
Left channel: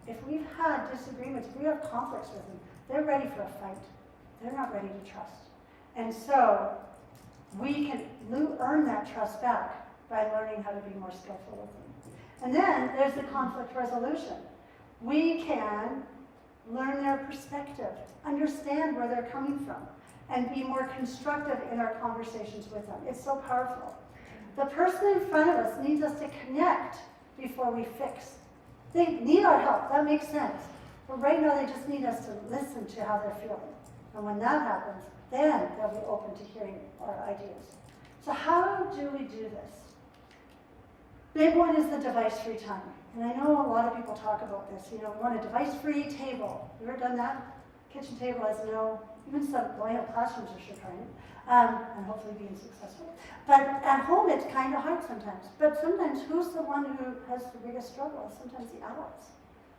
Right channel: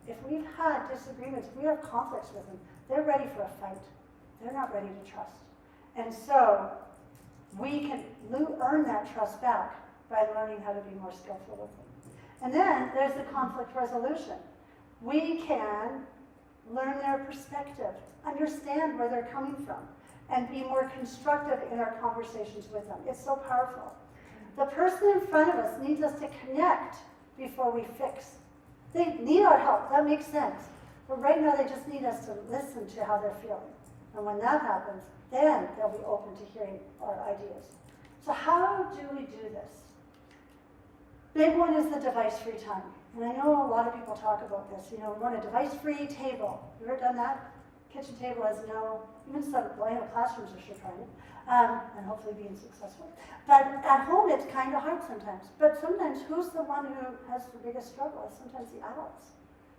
If we've had disagreements, if we have conflicts with them, they're ready for a fight. They're not ready to trust. And so we can earn that trust back by learning how to be more skillful with them. And then there's the conflict resolution. We can learn their perspective, understand where they're coming from, and be more constructive in our conversations with them. It's so powerful. The person in front of us needs us to connect before we fix. They need our help, that makes sense. But right now they just need us to listen to how they're feeling. And when that happens, then they'll be open to hearing our ideas. So how do we do this? Big one is the device-free time. And I know a lot of people talk about this. You know, we want a device-free table. You ever done that? Kitchen table has no, even some classrooms are sure trying it, and hopefully being successful. But at home, it's kind of hard sometimes. But sometimes, who's the one who has the biggest struggle? Sometimes the adults.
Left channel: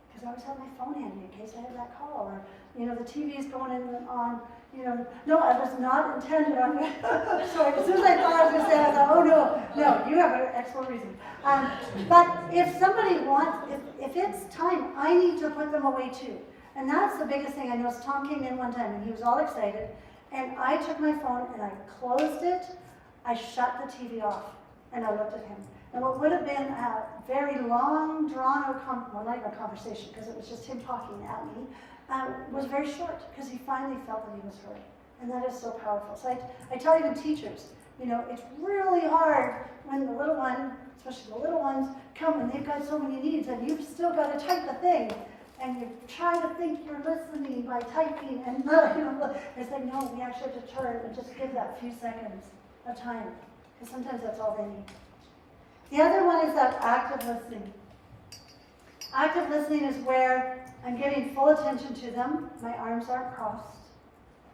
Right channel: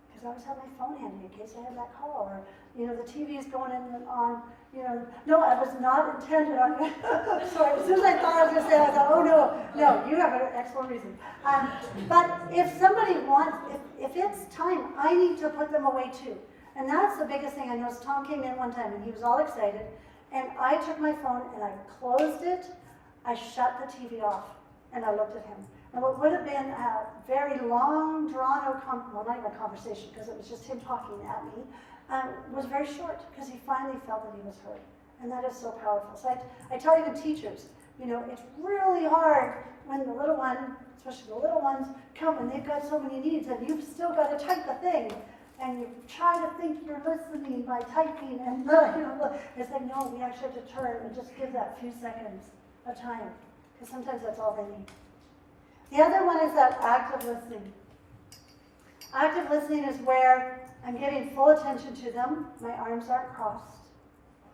Because I always have my phone handy in case I have that call, or, you know, the TV's going in on, you know, no, I was not intended on, sorry, as soon as I thought I was going to say, I thought, oh no, you have an excellent reason. But if somebody wants, if it's time, I need to put them away too. And that's the biggest thing. I noticed Tom came in one time and he was all excited, and I took my phone and I closed it, I shut the TV off, and I looked at him. And what would have been a very long, drawn-out, well, not even a conversation, because it was just him talking at me, was very short, because he finally felt that he was heard. And that is so powerful. So I tell even teachers, you know, it's really hard when the little one, especially the little ones, come and they've got so many needs, and you've still got to type a thing. And you try to think you're listening by typing, and you know, it's like, no, we actually have to turn and just give that few seconds of time, because sometimes that's all they need. The other one is that active listening. Active listening is where I'm giving full attention to them. My arms aren't crossed.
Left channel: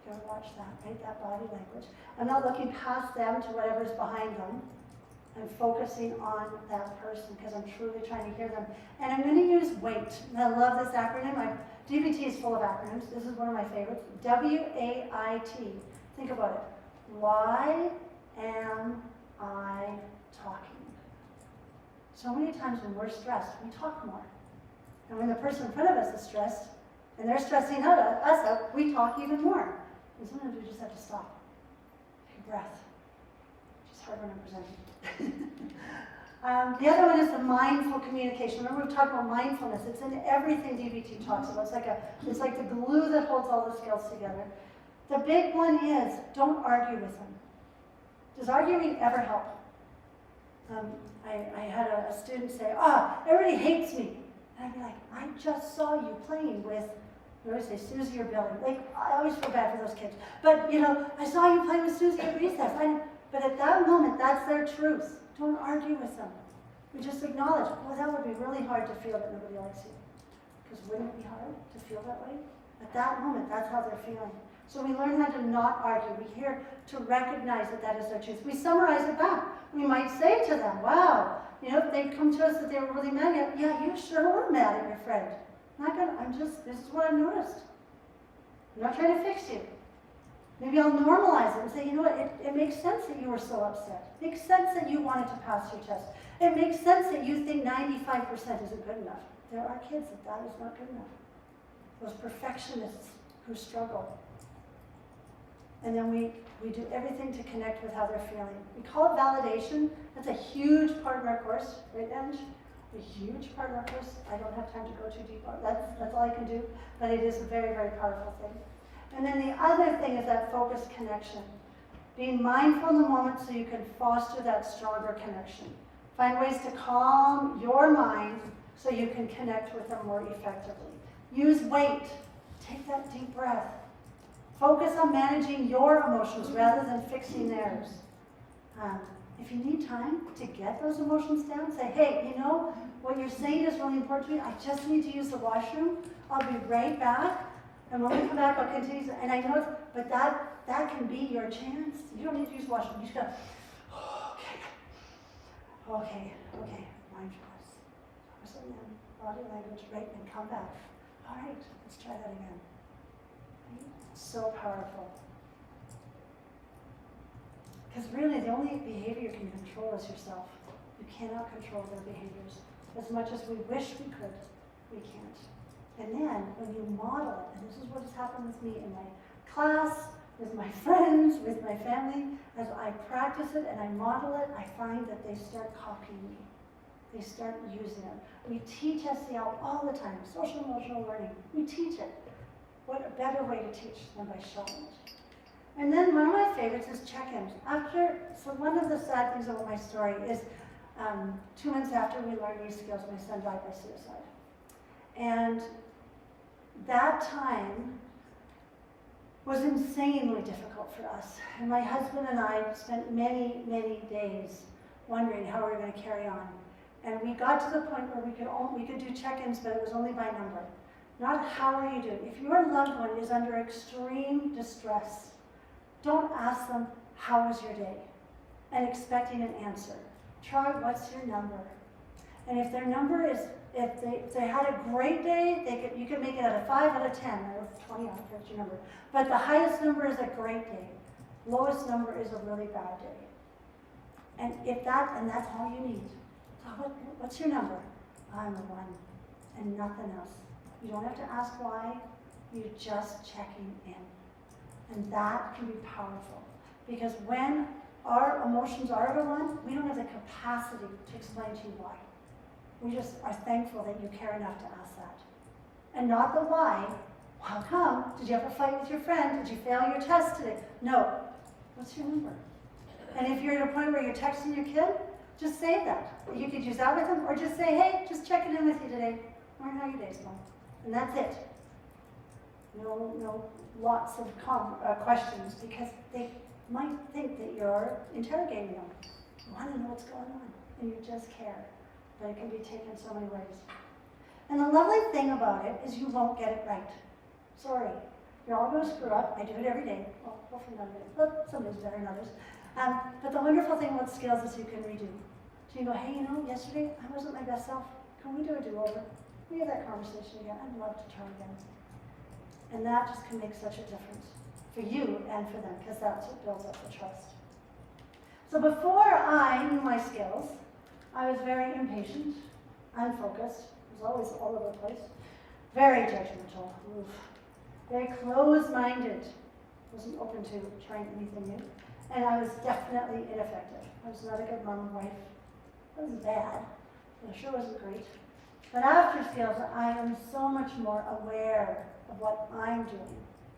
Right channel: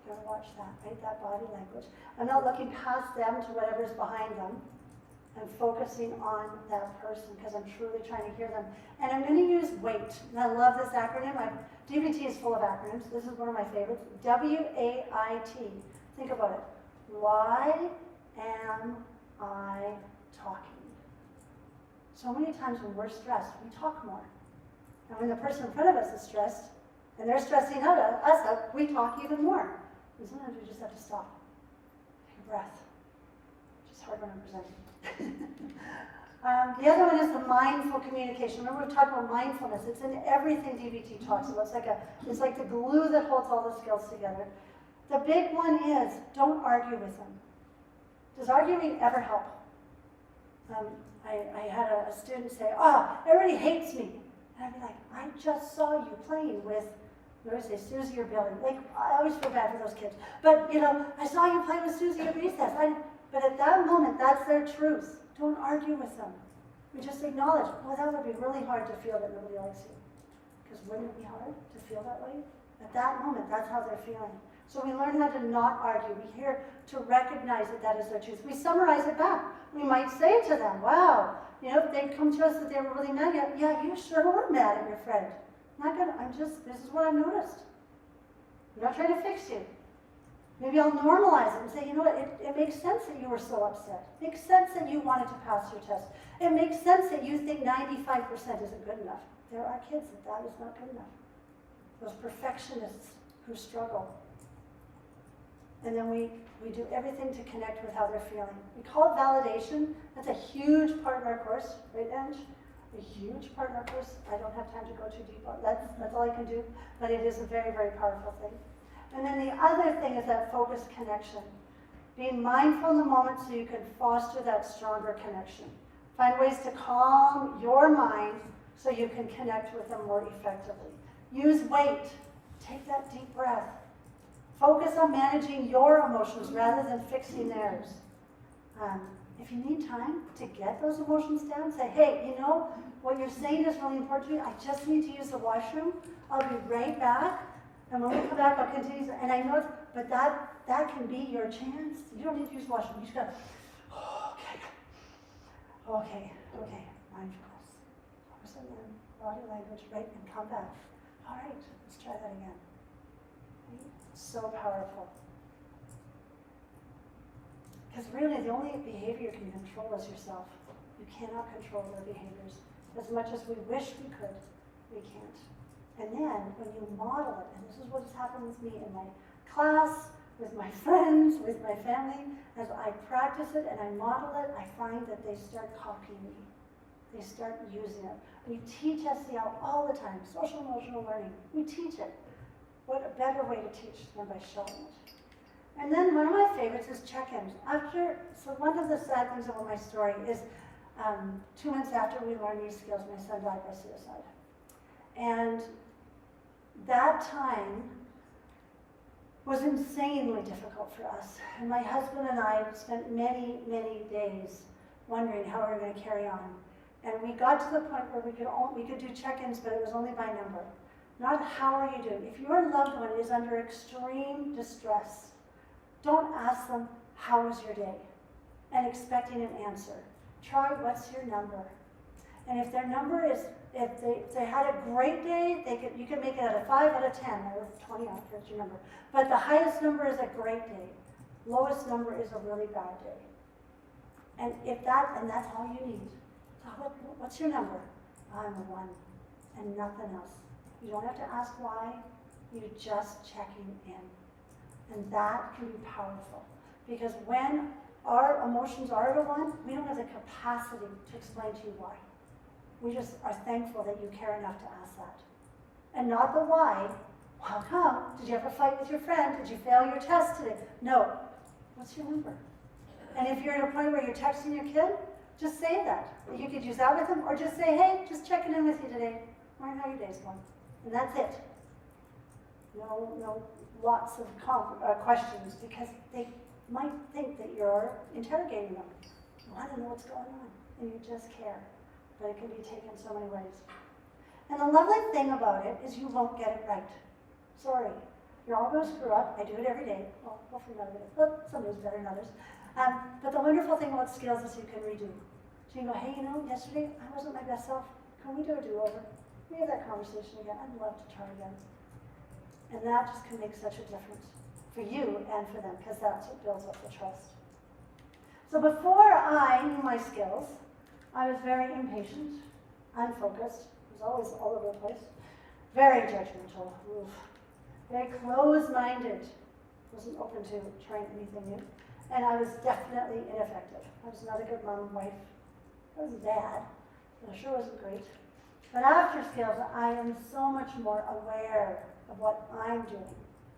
Gotta watch that, right? That body language. I'm not looking past them to whatever's behind them. I'm and focusing on that person because I'm truly trying to hear them. And I'm going to use WAIT. And I love this acronym. DBT is full of acronyms. This is one of my favorites. W-A-I-T. Think about it. Why am I talking? So many times when we're stressed, we talk more. And when the person in front of us is stressed, and they're stressing us out, we talk even more. And sometimes we just have to stop. Take a breath. Just hard when I'm presenting. The other one is the mindful communication. Remember we talked about mindfulness. It's in everything DBT talks about. It's like the glue that holds all the skills together. The big one is don't argue with them. Does arguing ever help? I had a student say, everybody hates me. And I'd be like, I just saw you playing with, what do I say, Susie or Billy. Like, I always feel bad for those kids. But, I saw you playing with Susie at recess. But at that moment, that's their truth. Don't argue with them. We just acknowledge, that would be really hard to feel that nobody likes you. Because wouldn't it be hard to feel that way? At that moment, that's how they're feeling. So we learn how to not argue. We're here to recognize that is their truth. We summarize it back. We might say to them, wow, if they come to us that they were really mad, yeah, you sure were mad at your friend. This is what I've noticed. I'm not trying to fix you. Maybe I'll normalize it and say, it makes sense that you were so upset. It makes sense that you wanted to pass your test. It makes sense that you think 95% isn't good enough. There are kids that is not good enough. Those perfectionists who struggle. And then we do everything to connect with how they're feeling. We call it validation. That's a huge part of our course, right, Ange? A huge part of our course. I don't have time to go too deep on that. That's all I can do. But it is a very, very powerful thing. And then the other thing is that focused connection. Being mindful in the moment so you can foster that stronger connection. Find ways to calm your mind so you can connect with them more effectively. Use WAIT. Take that deep breath. Focus on managing your emotions rather than fixing theirs. If you need time to get those emotions down, say, hey, what you're saying is really important to me. I just need to use the washroom. I'll be right back. And when we come back, I'll continue. And I know, but that can be your chance. You don't need to use the washroom. You just go, okay, mindfulness. Focus on body language, right? And come back. All right, let's try that again. Right? So powerful. Because really, the only behavior you can control is yourself. You cannot control their behaviors. As much as we wish we could, we can't. And then, when you model it, and this is what has happened with me in my class, with my friends, with my family, as I practice it and I model it, I find that they start copying me. They start using it. We teach SEL all the time, social emotional learning. We teach it. What a better way to teach than by showing it. And then one of my favorites is check-ins. So one of the sad things about my story is 2 months after we learned these skills, my son died by suicide. And that time was insanely difficult for us. And my husband and I spent many, many days wondering how we were going to carry on. And we got to the point where we could do check-ins, but it was only by number. Not how are you doing. If your loved one is under extreme distress, don't ask them, how was your day? And expecting an answer. Try, what's your number? And if their number is, if they had a great day, you could make it out of 5 out of 10, or 20 out of your number. But the highest number is a great day. Lowest number is a really bad day. And that's all you need. So what's your number? I'm a 1, and nothing else. You don't have to ask why, you're just checking in. And that can be powerful. Because when our emotions are at a 1, we don't have the capacity to explain to you why. We just are thankful that you care enough to ask that. And not the why. How come? Did you have a fight with your friend? Did you fail your test today? No. What's your number? And if you're at a point where you're texting your kid, just say that. You could use that with them, or just say, hey, just checking in with you today. Wondering how your day's going. And that's it. No lots of questions, because they might think that you're interrogating them. You want to know what's going on, and you just care. But it can be taken so many ways. And the lovely thing about it is you won't get it right. Sorry. You're all going to screw up. I do it every day. Well, hopefully not every day, but some days better than others. But the wonderful thing about skills is you can redo. So you go, hey, you know, yesterday I wasn't my best self. Can we do a do-over? We have that conversation again. I'd love to try again. And that just can make such a difference for you and for them, because that's what builds up the trust. So before I knew my skills, I was very impatient, unfocused, was always all over the place, very judgmental, very closed-minded, wasn't open to trying anything new, and I was definitely ineffective. I was not a good mom and wife. I wasn't bad, but I sure wasn't great. But after skills, I am so much more aware of what I'm doing,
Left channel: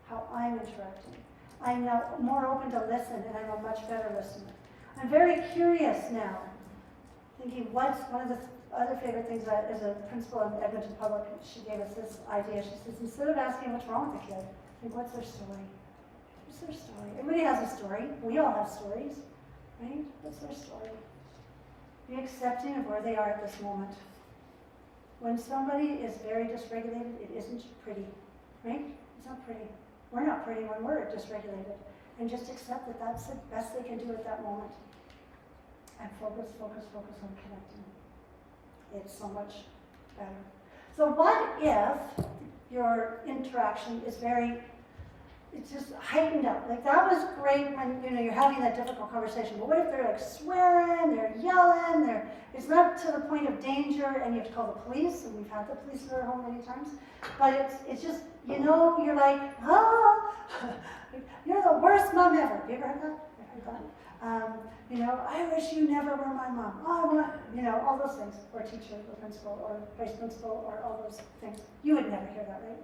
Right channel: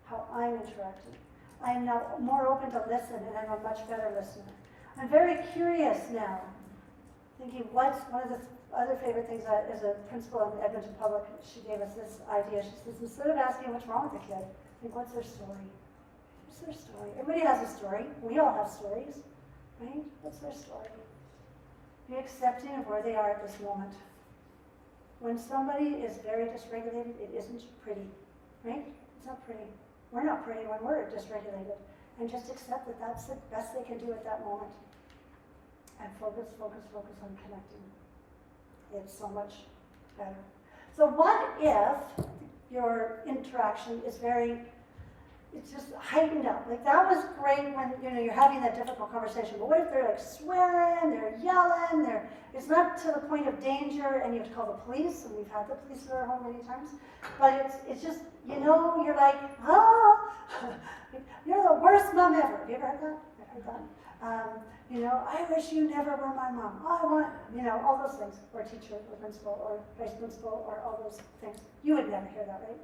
how I'm interacting. I am now more open to listen, and I'm a much better listener. I'm very curious now, thinking what's one of the other favorite things that as a principal in Edmonton Public, she gave us this idea. She says, instead of asking what's wrong with the kid, think what's their story? What's their story? Everybody has a story. We all have stories, right? What's their story? Be accepting of where they are at this moment. When somebody is very dysregulated, it isn't pretty, right? It's not pretty. We're not pretty when we're dysregulated. And just accept that that's the best they can do at that moment. And focus on connecting. It's so much better. So what if your interaction is it's just heightened up? Like that was great when you're having that difficult conversation, but what if they're like swearing, they're yelling, it's not to the point of danger and you have to call the police, and we've had the police in our home many times, but it's just, you're like, you're the worst mom ever. Have you ever heard that? I've heard that. I wish you never were my mom. I want, all those things, or teacher, or principal, or vice principal, or all those things. You would never hear that, right?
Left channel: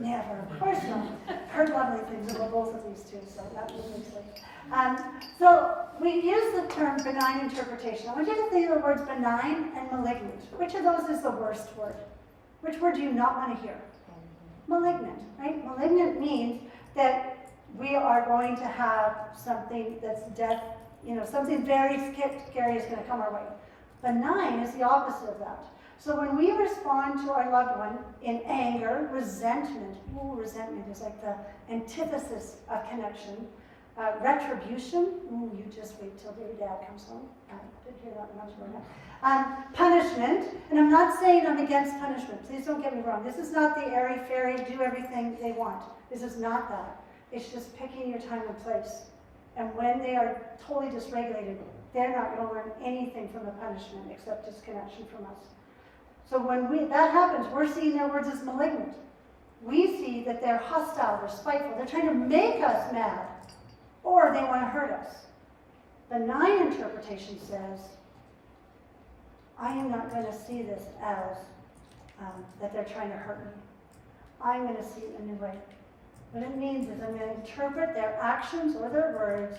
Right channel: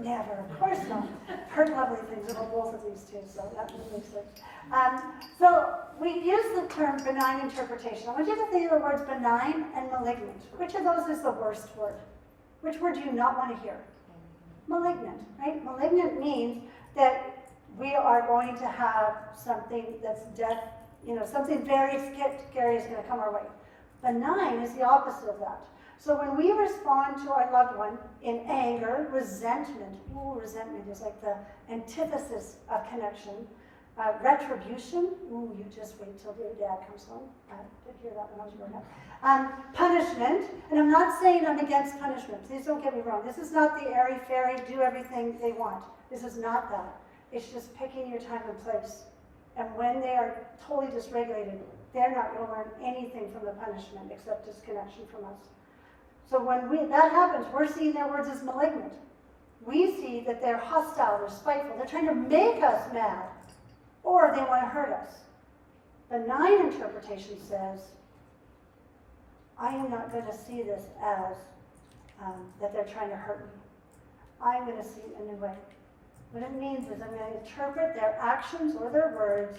Never, of course not. Heard lovely things about both of these two, so that really makes sense. So we use the term benign interpretation. I want you to think of the words benign and malignant. Which of those is the worst word? Which word do you not want to hear? Malignant, right? Malignant means that we are going to have something that's death, something very scary is going to come our way. Benign is the opposite of that. So when we respond to our loved one in anger, resentment is like the antithesis of connection. Retribution, you just wait till your dad comes home. I did hear that when I was growing up. Punishment, and I'm not saying I'm against punishment. Please don't get me wrong. This is not the airy-fairy, do everything they want. This is not that. It's just picking your time and place. And when they are totally dysregulated, they're not going to learn anything from the punishment except disconnection from us. So when that happens, we're seeing their words as malignant. We see that they're hostile, they're spiteful, they're trying to make us mad, or they want to hurt us. Benign interpretation says, I am not going to see this as that they're trying to hurt me. I'm going to see it in a new way. What it means is I'm going to interpret their actions or their words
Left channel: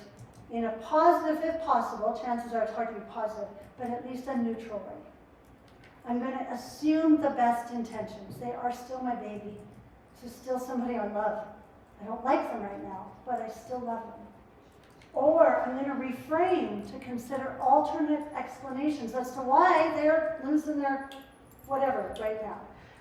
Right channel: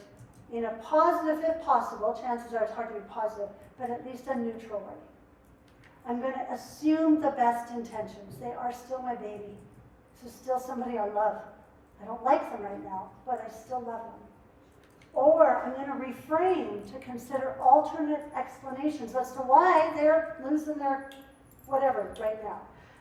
in a positive, if possible, chances are it's hard to be positive, but at least a neutral way. I'm going to assume the best intentions. They are still my baby. This is still somebody I love. I don't like them right now, but I still love them. Or I'm going to reframe to consider alternate explanations as to why they're losing their whatever right now.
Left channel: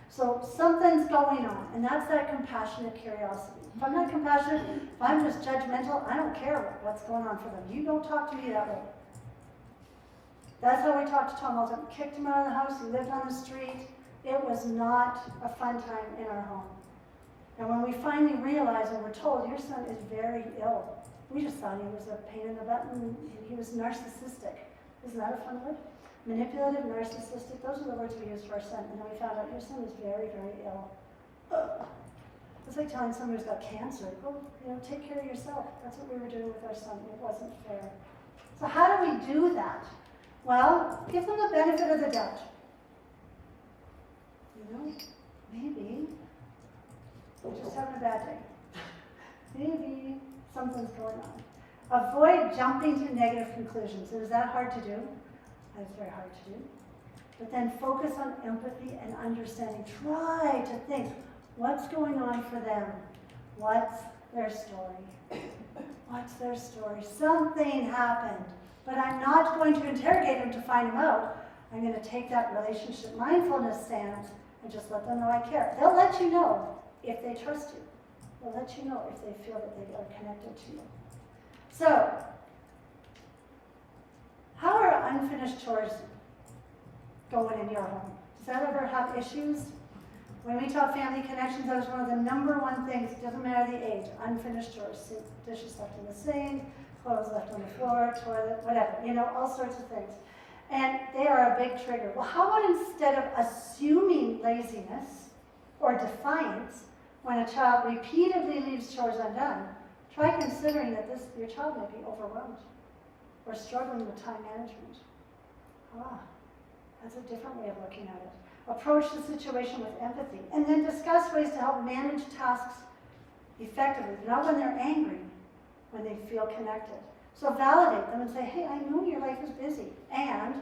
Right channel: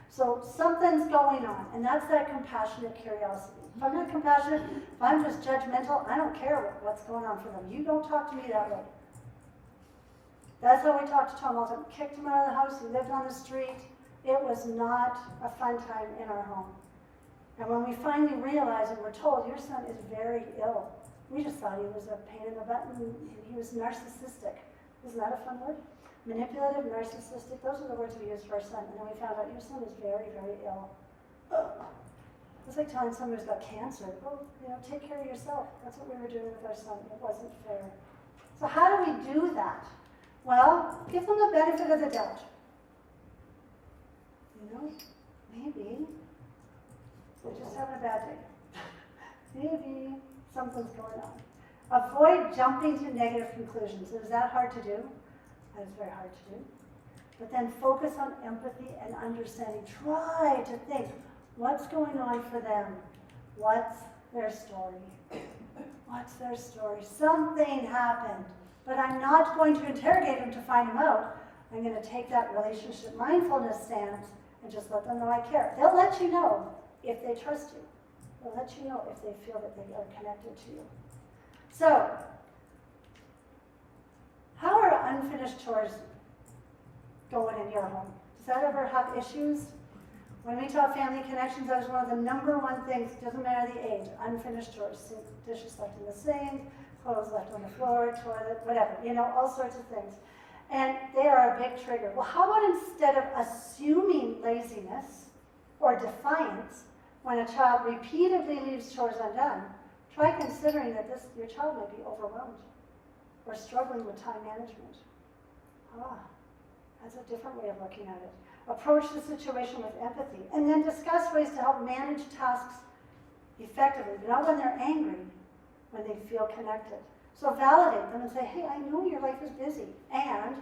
So something's going on, and that's that compassionate curiosity. If I'm not compassionate, if I'm just judgmental, I don't care what's going on for them. You don't talk to me that way. That's how we talked to Tom all the time. Kicked him out of the house. He lived on the street. It was not a fun time in our home. And when we finally realized and were told, your son is very ill, we just thought he was a pain in the butt and he was narcissistic. Isn't that a fun word? Manipulative, narcissistic, those are the words we used for our son. And then we found out your son is very, very ill. It's like telling someone who's got cancer, take care of yourself. That's what we were doing with our son. It wasn't fair. So how do we do that? Well, give them the benefit of the doubt. Maybe they're just having a bad day. Maybe something's going on. Avoid jumping to negative conclusions. Is that hard to do? That's very hard to do. But then focus on empathy and understanding. Try to think, what's going on for them? What's their story? What's their story? Something happened. But I'm not going to interrogate them to find them out. I'm going to take that relationship mindfulness stance and just let them know I care. They'll let you know if they trust you. They'll let you know if they feel that they are connected to you. So, How are unfinished chores going in your home? Does that ever have issues? When we taught family connections, that was one of the number one things, it doesn't matter the age, unfinished chores, dishes left in the sink, clothes left on the floor, toilet, whatever, all sorts of things. And they are a big trigger. Well, how about instead of assuming laziness or defiance when a child repeatedly leaves chores undone, try considering that your child may be overwhelmed or struggling with time management. That's a different way of looking at it. Approach the situation with empathy, and then discuss ways to help manage tasks effectively, not when they're angry, when they feel connected. So validate them and say, hey, I know your life is busy, and,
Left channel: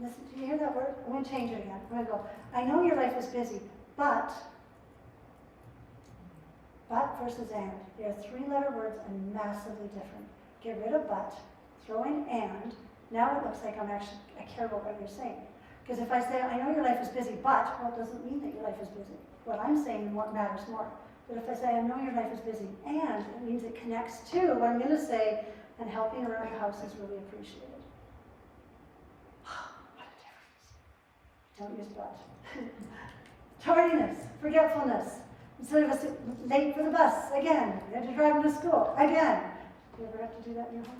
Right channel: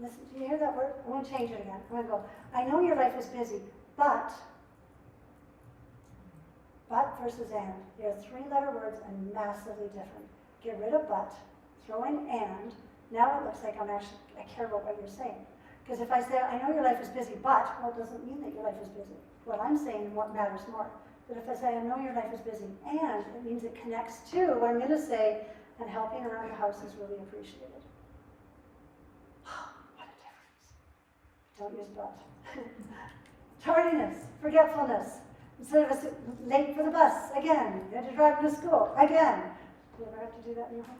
listen, do you hear that word? I'm going to change it again. I'm going to go, I know your life is busy, but versus and. They are three-letter words and massively different. Get rid of but, throw in and. Now it looks like I care about what you're saying. Because if I say, I know your life is busy, but, well, it doesn't mean that your life is busy. What I'm saying matters more. But if I say, I know your life is busy, and it means it connects to what I'm going to say, and helping around the house is really appreciated. What a difference. Don't use but. Tardiness, forgetfulness. Instead of late for the bus, again. You had to drive them to school, again. Do you ever have to do that in your home?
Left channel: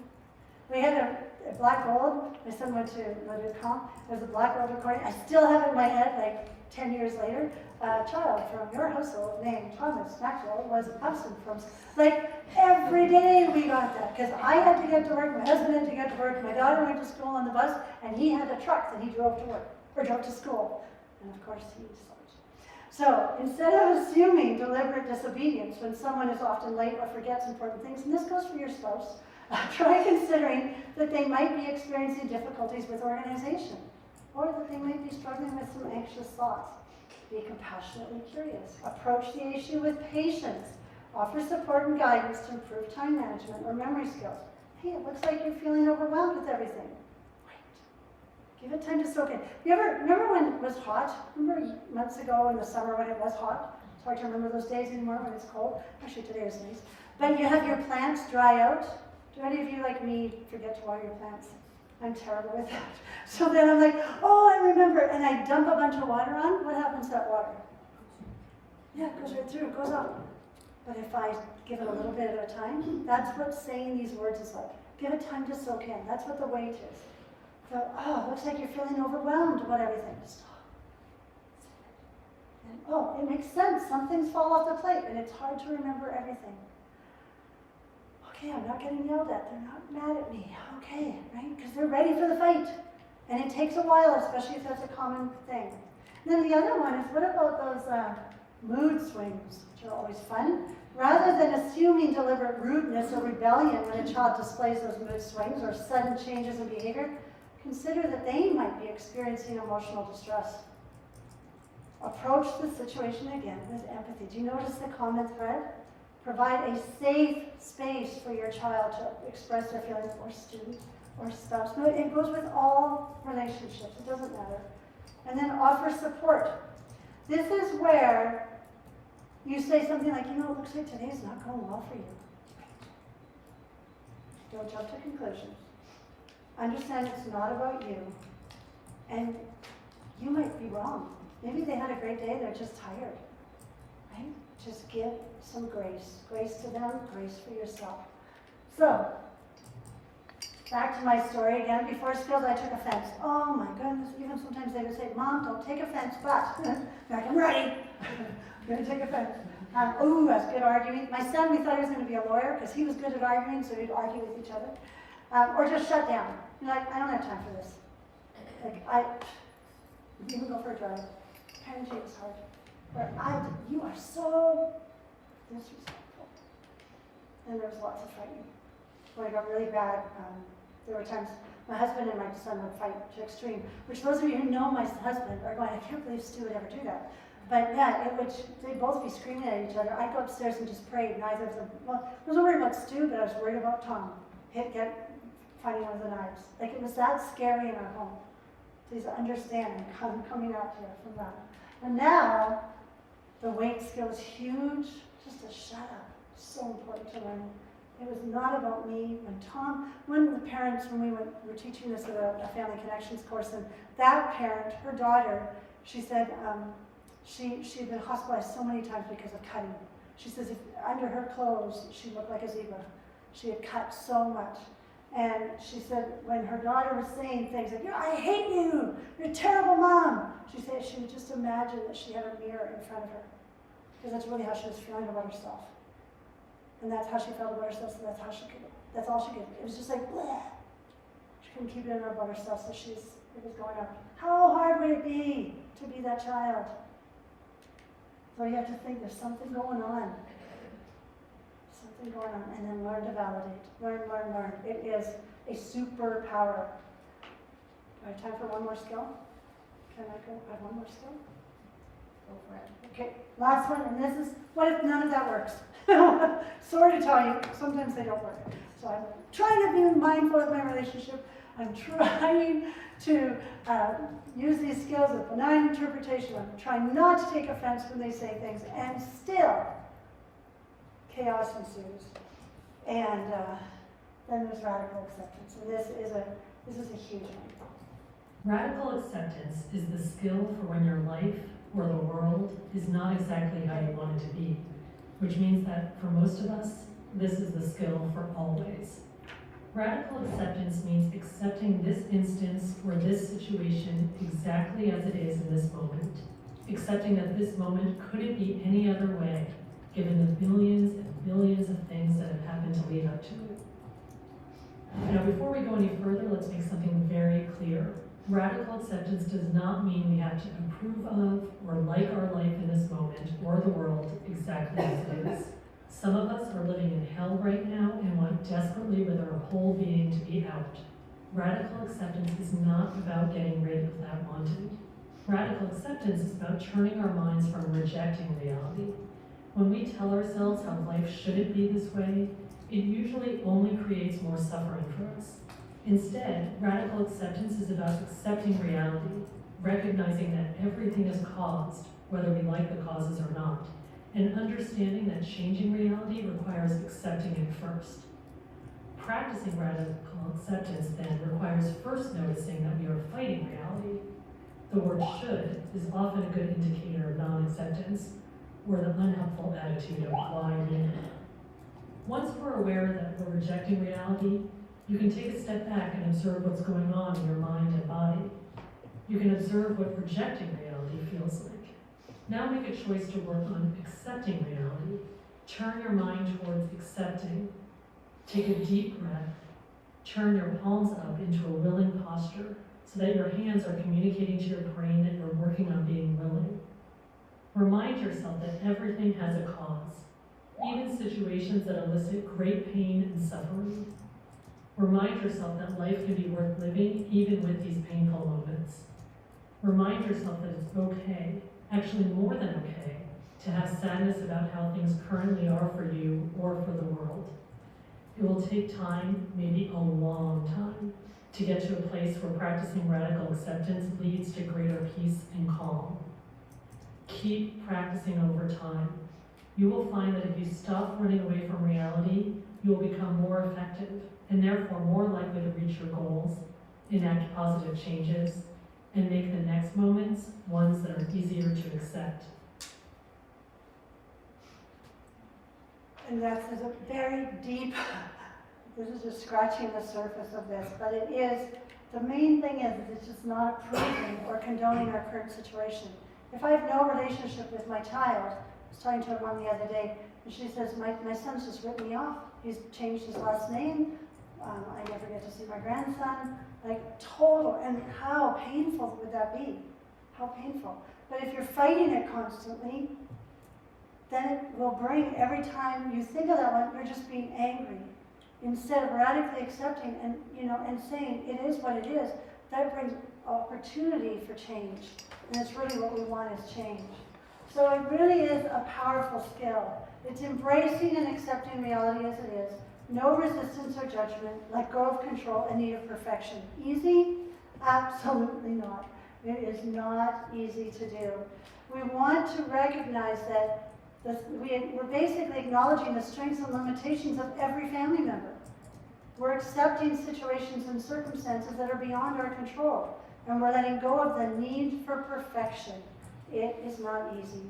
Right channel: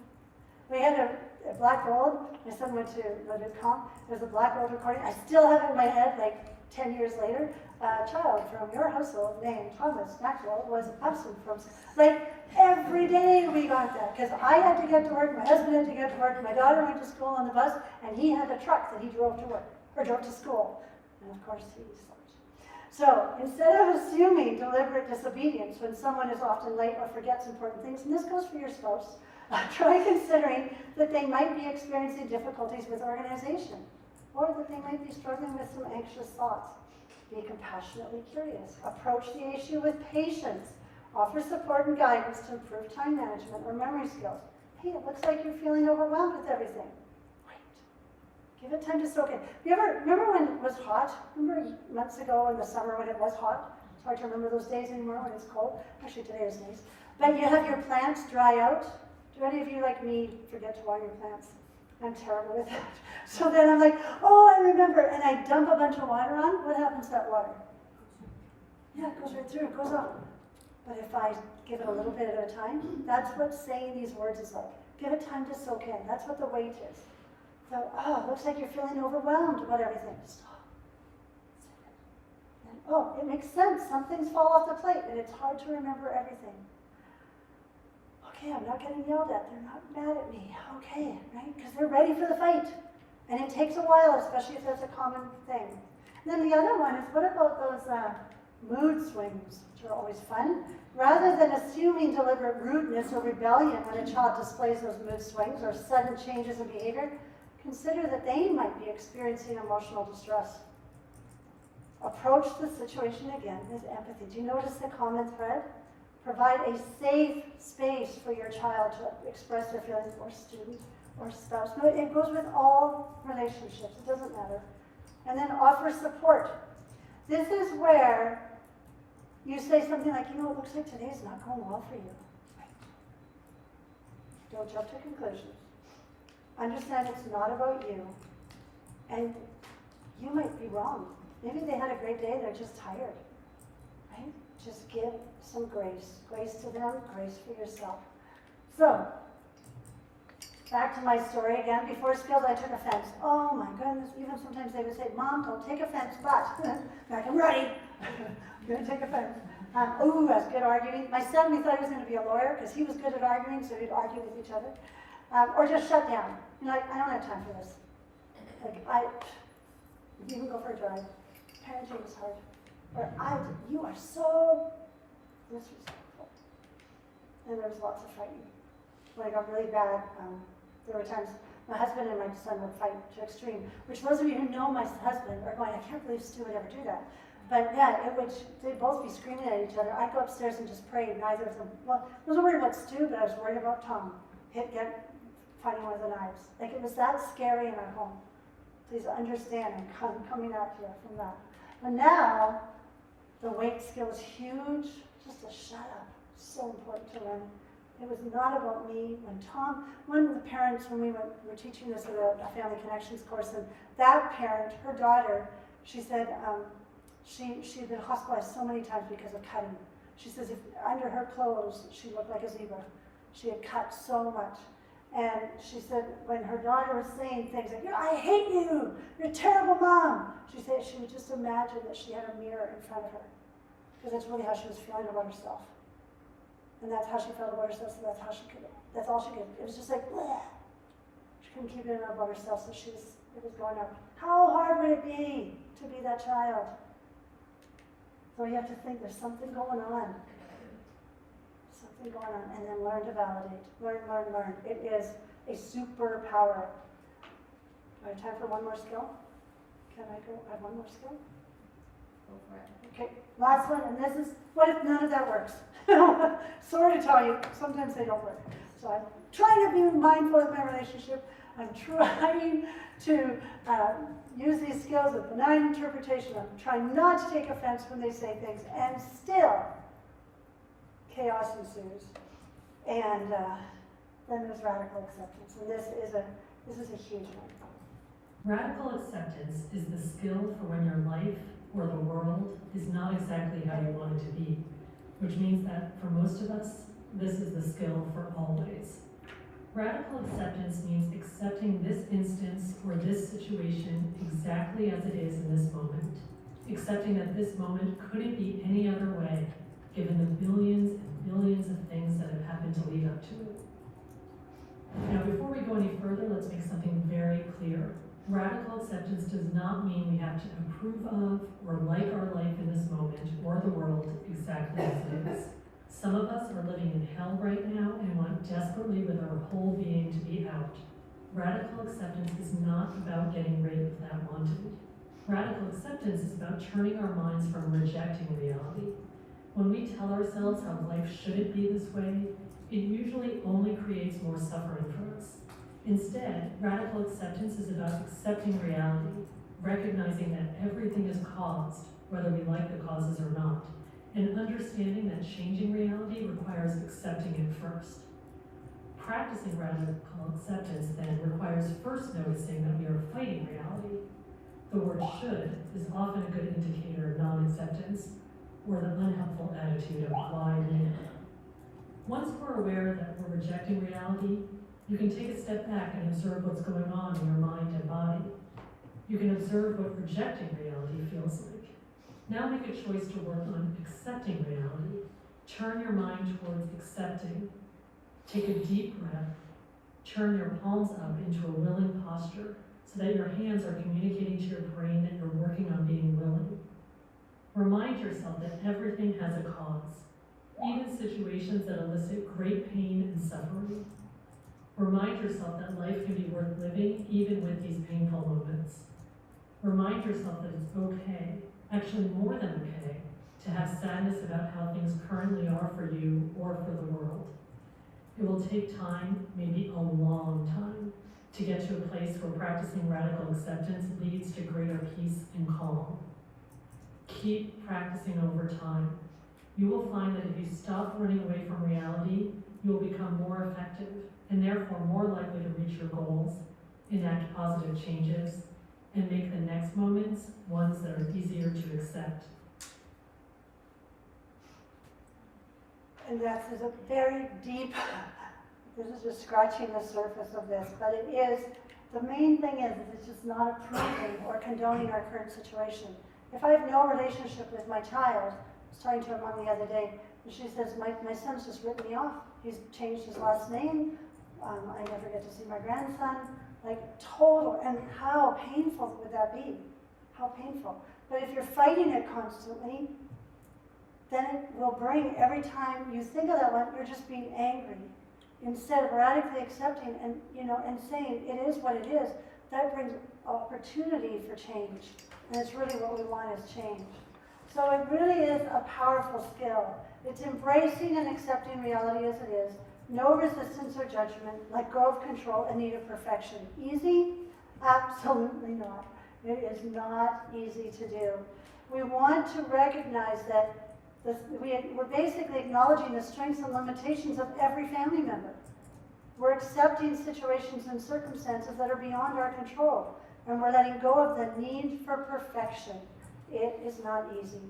We had a black gold. My son went to Le Ducamp. There's a black gold recording. I still have it in my head, like 10 years later. A child from your household named Thomas Maxwell was absent from, like, every day we got that. Because I had to get to work, my husband had to get to work, my daughter went to school on the bus, and he had a truck that he drove to work, or drove to school. And of course, he slept. So instead of assuming deliberate disobedience when someone is often late or forgets important things, and this goes for your spouse, try considering that they might be experiencing difficulties with organization, or that they might be struggling with some anxious thoughts. Be compassionately curious. Approach the issue with patience. Offer support and guidance to improve time management or memory skills. Hey, it looks like you're feeling overwhelmed with everything. Wait. Give it time to soak in. You ever remember when it was hot? Remember months ago in the summer when it was hot? It's hard to remember those days anymore when it's cold. Actually, today was nice. But you have your plants dry out. Do any of you, like me, forget to water your plants? I'm terrible with that. So then I'm like, oh, I remember, and I dump a bunch of water on. What happens to that water? Yeah, it goes right through, it goes up. But if I give it a little bit at a time, that's what saying these words is like. Give it time to soak in. That's what the wait is. So, oh, looks like you're feeling overwhelmed about everything. Stop. And, oh, it makes sense. Some things fall off the plate, and it's hard to remember everything. Okay, I'm not getting yelled at. They're not mad at me. Okay, right? Because they're ready for the fight. And it takes a while, especially if that's a common thing. And then the other one is, what about those mood swings, which are always fun? Rather than assuming deliberate rudeness or rebellion when a child displays those mood swings or sudden changes in behavior, consider that they might be experiencing emotional distress. Approach the situation again with empathy. Do you notice the common thread? Provide a safe space for your child to express their feelings, or student, or spouse. No, it goes with all relationships. It doesn't matter. And then offer support. This is where you say something like, it looks like today's not going well for you. Don't jump to conclusions. Understand it's not about you. And you might be wrong. Maybe they had a great day, they're just tired. Right? Just give some grace. Grace to them, grace for yourself. So, back to my story again. Before skills, I took offense. Oh my goodness, even sometimes they would say, Mom, don't take offense, but, like, I'm ready. I'm going to take offense. Ooh, that's good arguing. My son, we thought he was going to be a lawyer because he was good at arguing, so we'd argue with each other. Or just shut down. Like, I don't have time for this. Like, you can go for a drive. Parenting is hard. Or, you are so disrespectful. And there was lots of fighting. When it got really bad, there were times my husband and my son would fight to extreme, which those of you who know my husband are going, I can't believe Stu would ever do that. But yeah, they'd both be screaming at each other. I'd go upstairs and just pray. Neither of them, well, I wasn't worried about Stu, but I was worried about Tom. Fighting with the knives. Like, it was that scary in our home. Please understand, I'm coming out here from that. And now, the wait skill is huge. Just to shut up. So important to learn. It was not about me. When the parents, when we were teaching this at a family connections course, and that parent, her daughter, she said she'd been hospitalized so many times because of cutting. She says if under her clothes, she looked like a zebra. She had cut so much. And she said when her daughter was saying things like, I hate you, you're a terrible mom, she said she would just imagine that she had a mirror in front of her. Because that's really how she was feeling about herself. And that's how she felt about herself, so that's all she could. It was just like, bleh. She couldn't keep it in about herself, so it was going on. How hard would it be to be that child? So you have to think there's something going on. Something going on, and then learn to validate. Learn. It is a superpower. Do I have time for one more skill? Can I go? I have one more skill? Go for it. Okay, last one, and this is, what if none of that works? Sorry to tell you, sometimes they don't work. So I'm trying to be mindful of my relationship. I'm trying to use these skills of benign interpretation. I'm trying not to take offense when they say things, and still, chaos ensues. And then there's radical acceptance, and this is a huge one. Radical acceptance is the skill for when your life or the world is not exactly how you want it to be, which means that for most of us, this is the skill for always. Radical acceptance means accepting this instance or this situation exactly as it is in this moment, accepting that this moment couldn't be any other way, given the billions and billions of things that have happened to lead up to it. Now, before we go any further, let's make something very clear. Radical acceptance does not mean we have to approve of or like our life in this moment or the world exactly as it is. Some of us are living in hell right now and want desperately with our whole being to be out. Radical acceptance is not about getting rid of that wanting. Radical acceptance is about turning our minds from rejecting reality. When we tell ourselves how life shouldn't be this way, it usually only creates more suffering for us. Instead, radical acceptance is about accepting reality, recognizing that everything is caused, whether we like the causes or not, and understanding that changing reality requires accepting it first. Practicing radical acceptance then requires first noticing that we are fighting reality. The word should is often a good indicator of non-acceptance or the unhelpful attitude of why me. Once we're aware that we're rejecting reality, you can take a step back and observe what's going on in your mind and body. You can observe what rejecting reality feels like. Now make a choice to work on accepting reality. Turn your mind towards accepting. Take a deep breath. Turn your palms up into a willing posture so that your hands are communicating to your brain that you're working on being willing. Remind yourself that everything has a cause, even situations that elicit great pain and suffering. Remind yourself that life can be worth living even with these painful moments. Remind yourself that it's okay, actually more than okay, to have sadness about how things currently are for you or for the world. It will take time, maybe a long time, to get to a place where practicing radical acceptance leads to greater peace and calm. Keep practicing over time. You will find that if you stop running away from reality, you will become more effective and therefore more likely to reach your goals, enact positive changes, and make the next moments ones that are easier to accept. And that's a very deep, this is just scratching the surface of this, but it is, the main thing is it's just not approving or condoning our current situation. If I have no relationship with my child, I was talking to a mom the other day, and she says, my son's just written me off. He's changed his last name. I never get to see my grandson. Like, total, and how painful would that be? How painful. But if you're fighting it constantly, then it will bring, every time you think of that one, you're just being angry. Instead of radically accepting and, and saying it is what it is, that brings opportunity for change. And it's really what we want is change. So it really is a powerful skill. It's embracing and accepting reality as it is. No resistance or judgment, let go of control and need of perfection. Easy? Absolutely not. It is not easy to do. We want to recognize that We're basically acknowledging the strengths and limitations of every family member. We're accepting situations and circumstances that are beyond our control, and we're letting go of the need for perfection. It is not easy.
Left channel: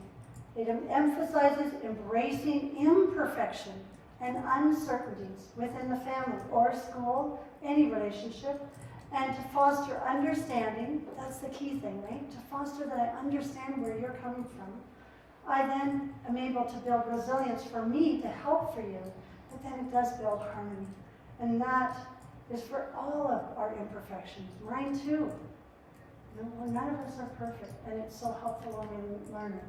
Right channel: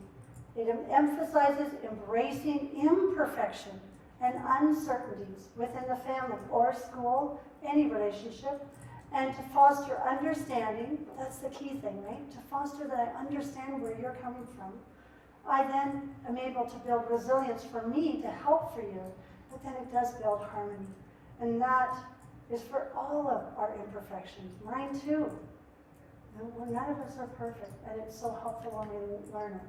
It emphasizes embracing imperfection and uncertainties within the family or school, any relationship, and to foster understanding. That's the key thing, right? To foster that I understand where you're coming from. I then am able to build resilience for me to help for you, but then it does build harmony. And that is for all of our imperfections, mine too. None of us are perfect, and it's so helpful when we learn it.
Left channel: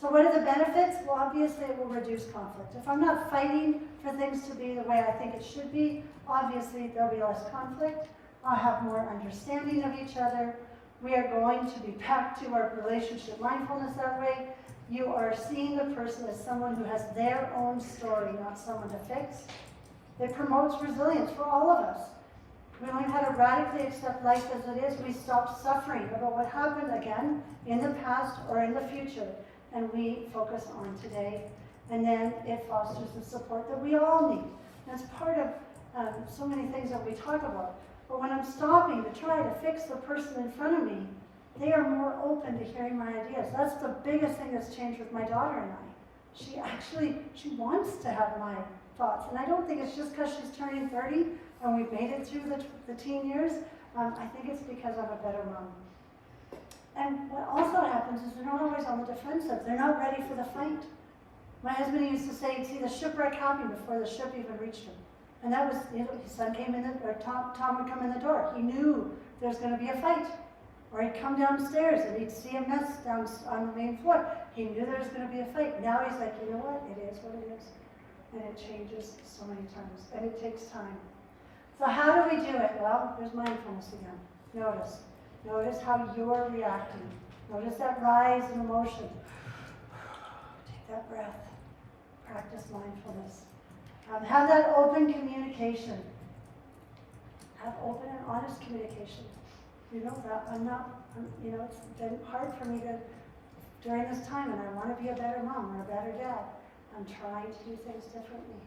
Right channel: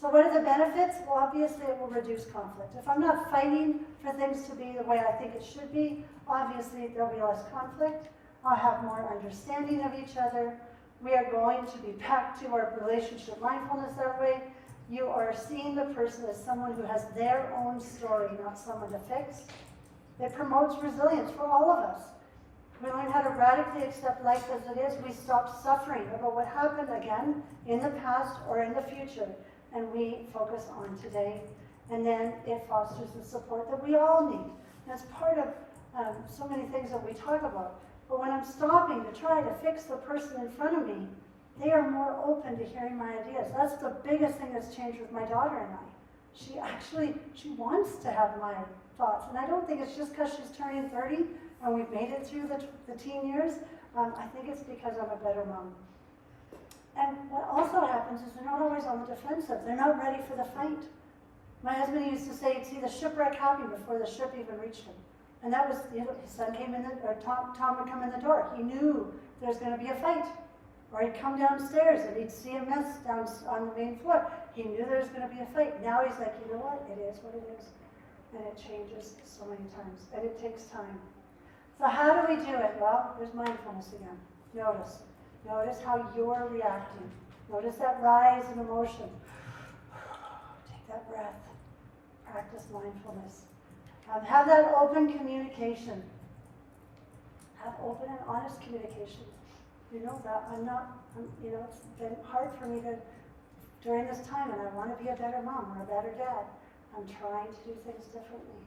So what are the benefits? Well, obviously it will reduce conflict. If I'm not fighting for things to be the way I think it should be, obviously there'll be less conflict. I'll have more understanding of each other. We are going to be back to our relationship mindfulness that way. You are seeing the person as someone who has their own story, not someone to fix. It promotes resilience for all of us. We learn how to radically accept life as it is. We stop suffering about what happened again in the past or in the future, and we focus on today. And then it fosters the support that we all need. And it's part of so many things that we talk about. But when I'm stopping to try to fix the person in front of me, they are more open to hearing my ideas. That's the biggest thing that's changed with my daughter and I. She wants to have my thoughts. And I don't think it's just because she's turning 30 and we've made it through the teen years. I think it's because I'm a better mom. And what also happens is they're not always on the defensive. They're not ready for the fight. My husband used to say he'd see the shipwreck happen before the ship even reached him. And that was, his son came in, or Tom would come in the door. He knew there was going to be a fight. Or he'd come downstairs and he'd see a mess down on the main floor. He knew there was going to be a fight. Now he's like, you know what? It is what it is. And it changes so many times. And it takes time. So how do we do it? Well, there's mindfulness again. Notice. Notice how you're reacting. Notice that rise in emotion. Take that breath. Practice mindfulness. Have that open communication. Have open and honest communication. You know that it's been hard for me during this time, and I want to be a better mom or a better dad. I'm trying to do things differently.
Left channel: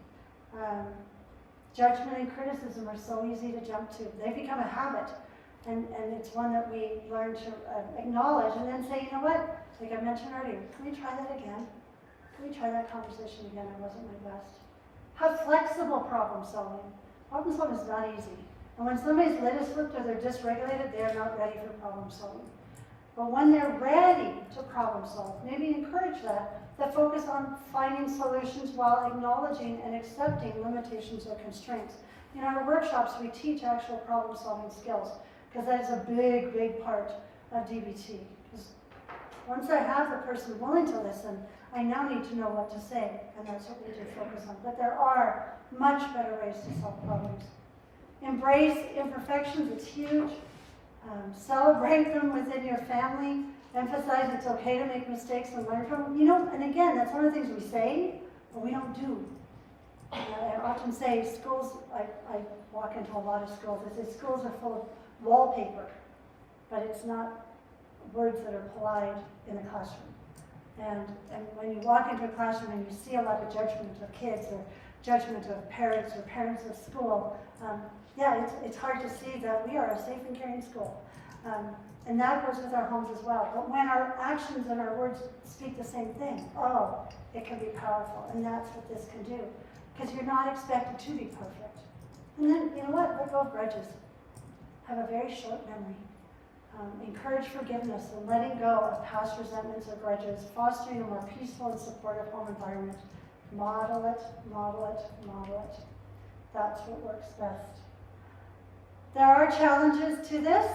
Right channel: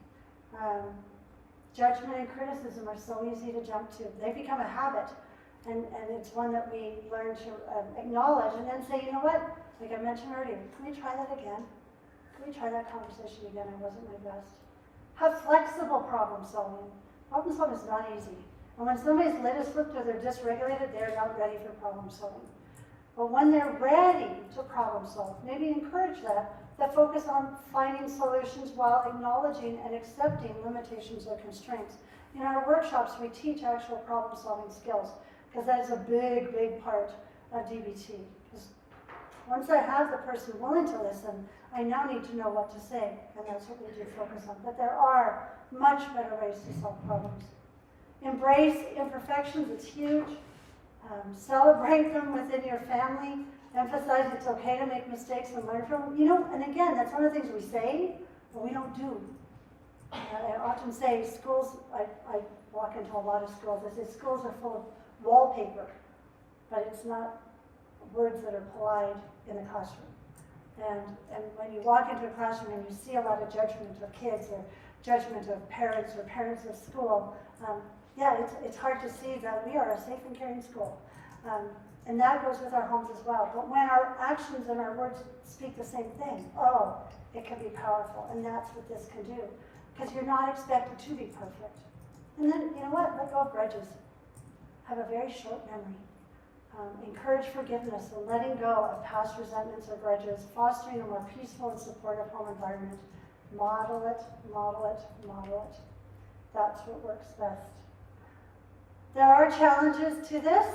Judgment and criticism are so easy to jump to. They become a habit, and it's one that we learn to acknowledge and then say, you know what, like I mentioned earlier, can we try that again? Can we try that conversation again? I wasn't my best. Have flexible problem solving. Problem solving is not easy. And when somebody's lid is flipped or they're dysregulated, they're not ready for problem solving. But when they're ready to problem solve, maybe encourage that focus on finding solutions while acknowledging and accepting limitations or constraints. In our workshops, we teach actual problem solving skills, because that is a big, big part of DBT. Because once I have the person willing to listen, I now need to know what to say, and that's what we do focus on. But there are much better ways to solve problems. Embrace imperfections, it's huge. Celebrate them within your family. Emphasize it's okay to make mistakes and learn from them. And again, that's one of the things we say, but we don't do. I often say schools, I walk into a lot of schools, I say schools are full of wallpaper, but it's not words that are applied in the classroom. And when you walk into a classroom and you see a lot of judgment of kids or judgment of parents or parents of school, it's hard to see that we are a safe and caring school. And that goes with our homes as well. But when our actions and our words speak the same thing, it can be powerful. And that's what this can do. Because you're not expected to be perfect. And then, you know what? Let go of grudges. Have a very short memory. Encourage forgiveness and letting go of past resentments or grudges, fostering a more peaceful and supportive home environment. Model it, model it, model it. That's what works best. There are challenges to this.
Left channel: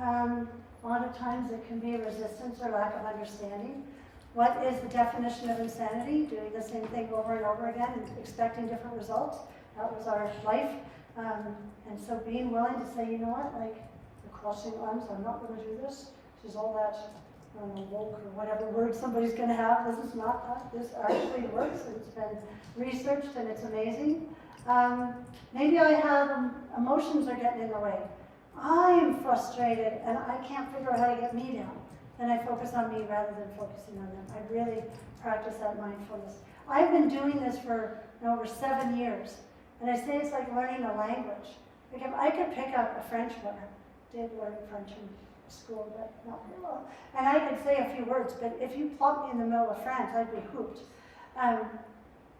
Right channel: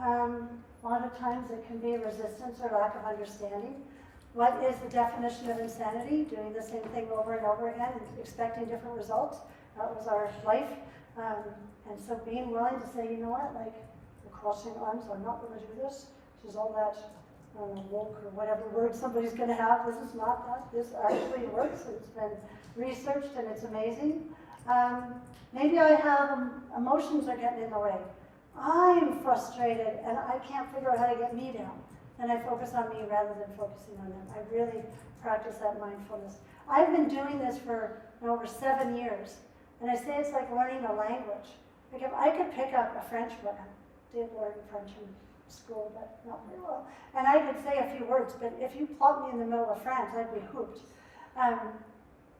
A lot of times it can be resistance or lack of understanding. What is the definition of insanity? Doing the same thing over and over again and expecting different results. That was our life. And so being willing to say, you know what, like the crossing arms, I'm not going to do this. This is all that woke or whatever word somebody's going to have. This is not that. This actually works. It's been researched and it's amazing. Maybe I have emotions are getting in the way. I'm frustrated and I can't figure out how to get me down. then I focus on me rather than focusing on them. I really practice that mindfulness. I've been doing this for over 7 years, and I say it's like learning a language. Like if I could pick up a French word, I did learn French in school, but not very well, and I could say a few words, but if you plop me in the middle of France, I'd be hooped.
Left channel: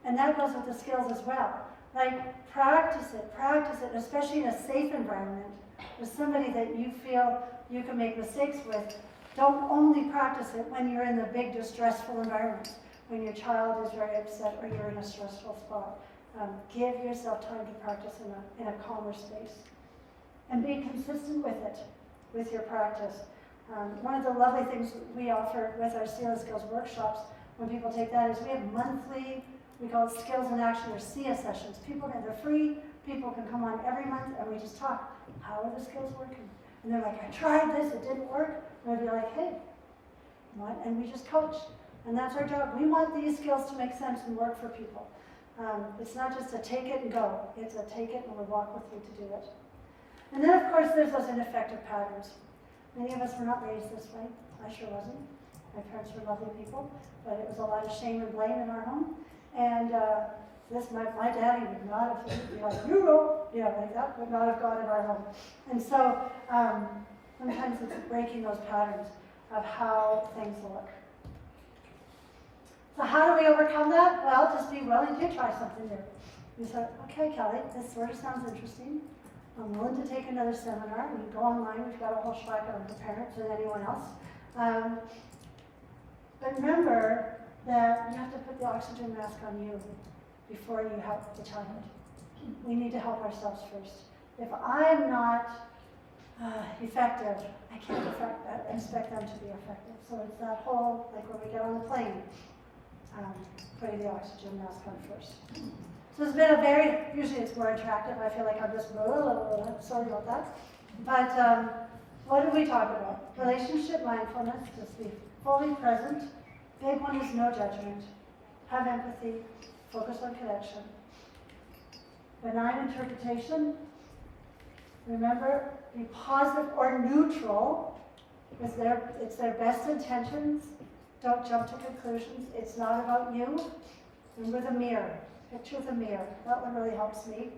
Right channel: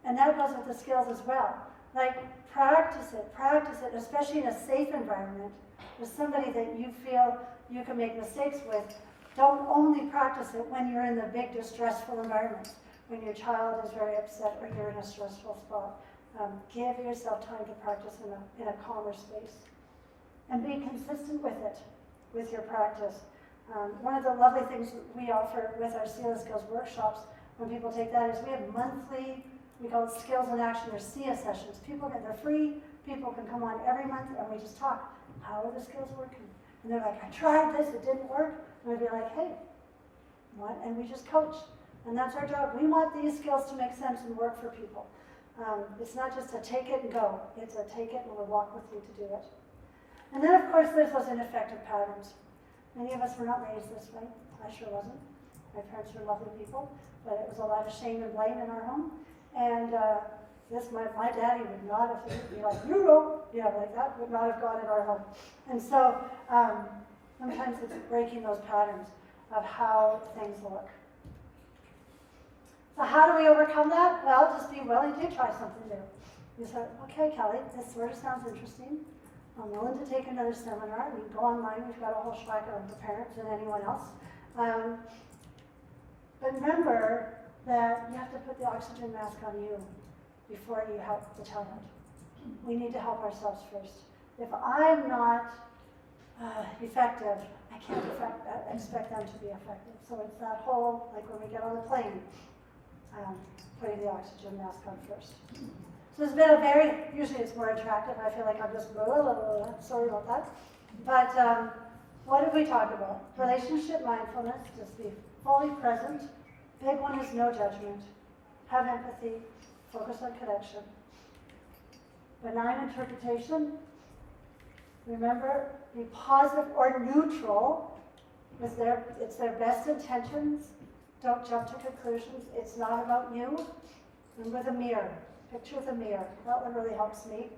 And that goes with the skills as well. Like practice it, especially in a safe environment with somebody that you feel you can make mistakes with. Don't only practice it when you're in the big distressful environment, when your child is very upset or you're in a stressful spot. Give yourself time to practice in a calmer space. And be consistent with it, with your practice. One of the lovely things we offer with our Sila Skills workshops, when people take that, is we have monthly, we call it Skills in Action or SIA sessions. They're free, people can come on every month and we just talk. How are the skills working? And they're like, I tried this, it didn't work. And we'll be like, hey, what? And we just coach. And that's our job. We want these skills to make sense and work for people. It's not just a take it and go. It's a take it and we'll walk with you to do it. And then of course there's those ineffective patterns. Many of us were not raised this way. I sure wasn't. My parents were lovely people, but it was a lot of shame and blame in our home. And my daddy would not have, he'd be like, like that would not have gone in our home. And so sometimes it's breaking those patterns of how things look. So how do we overcome that? Well, just be willing to try something new. You say, okay, Kelly, this sort of sounds interesting. I'm willing to take another seminar. We can go online. We've got a whole schwacker on the parents and anyone else. But remember that you have to put the oxygen mask on you before you help the child. We need to help ourselves first. If I'm not effective, I can't expect them to be effective. So it's that whole, like when we get on the plane, putting the oxygen mask on first. So it's been usually it's more attractive. I feel like I'm just, sorry about that. But what did we talk about? Relationship mindfulness, just be fully present. Big one is no judgment. Have empathy, focus on connection. Benign interpretation, remember, be positive or neutral. It's their best intentions. Don't jump to conclusions. It's not about you. Remember the mirror. Picture the mirror. That one really helps me.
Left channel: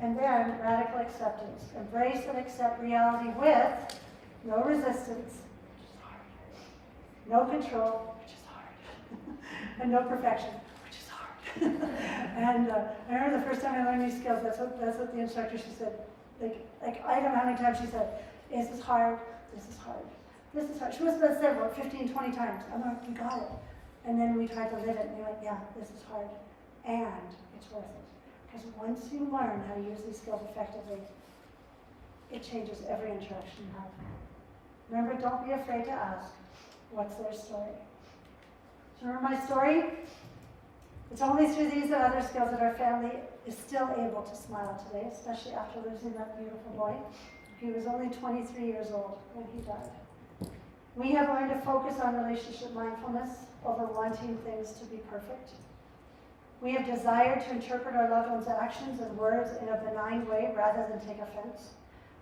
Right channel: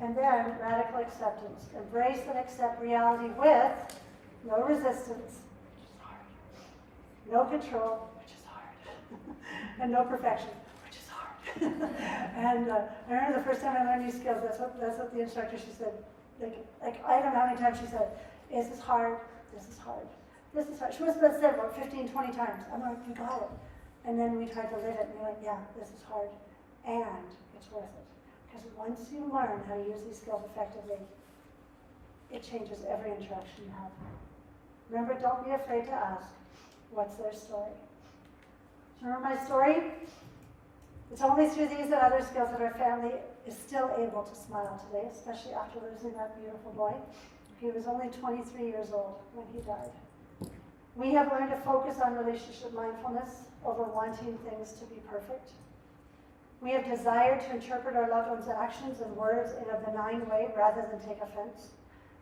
And then radical acceptance. Embrace and accept reality with no resistance, which is hard. No control, which is hard. And no perfection, which is hard. And I remember the first time I learned these skills, that's what the instructor, she said, like I don't know how many times she said, is this hard? This is hard. This is hard. She must have said about 15, 20 times. I'm like, you got it. And then we tried to live it, and we're like, yeah, this is hard. And it's worth it. Because once you learn how to use these skills effectively, it changes every interaction you have. Remember, don't be afraid to ask, what's their story? So remember my story? It's only through these and other skills that our family is still able to smile today, especially after losing that beautiful boy. He was only 23 years old when he died. We have learned to focus on relationship mindfulness over wanting things to be perfect. We have desired to interpret our loved ones' actions and words in a benign way rather than take offense.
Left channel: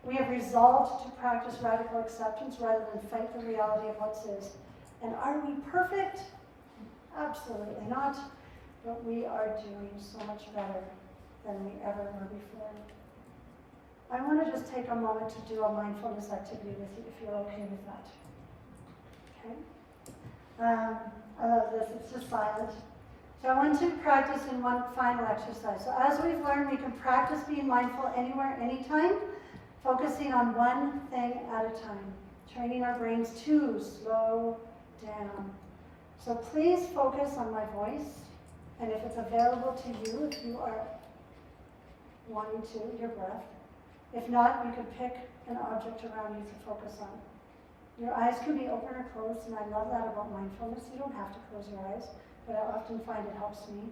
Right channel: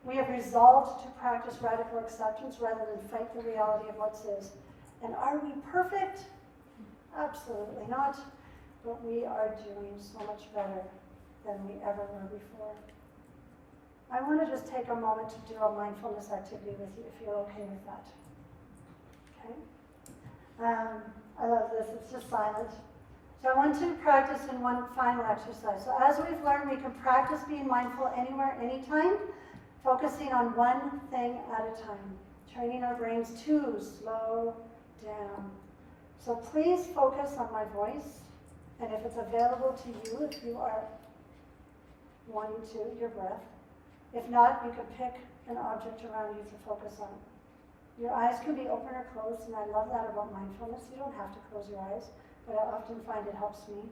We have resolved to practice radical acceptance rather than fight the reality of what is. And are we perfect? Absolutely not. But we are doing so much better than we ever were before. I want to just take a moment to do a mindfulness activity with you, if you're okay with that. Okay? I love this. It's just silent. So I want to practice in one final exercise. So as we've learned, we can practice being mindful anywhere, anytime, focusing on one thing at a time, training our brains to slow down. So please focus on my voice, and if it's available to you, if you are wanting to, your breath. If not, you can pick an object around you to focus on. Your eyes can be open or closed, and I love that about mindfulness. You don't have to close your eyes, but I often find it helps me.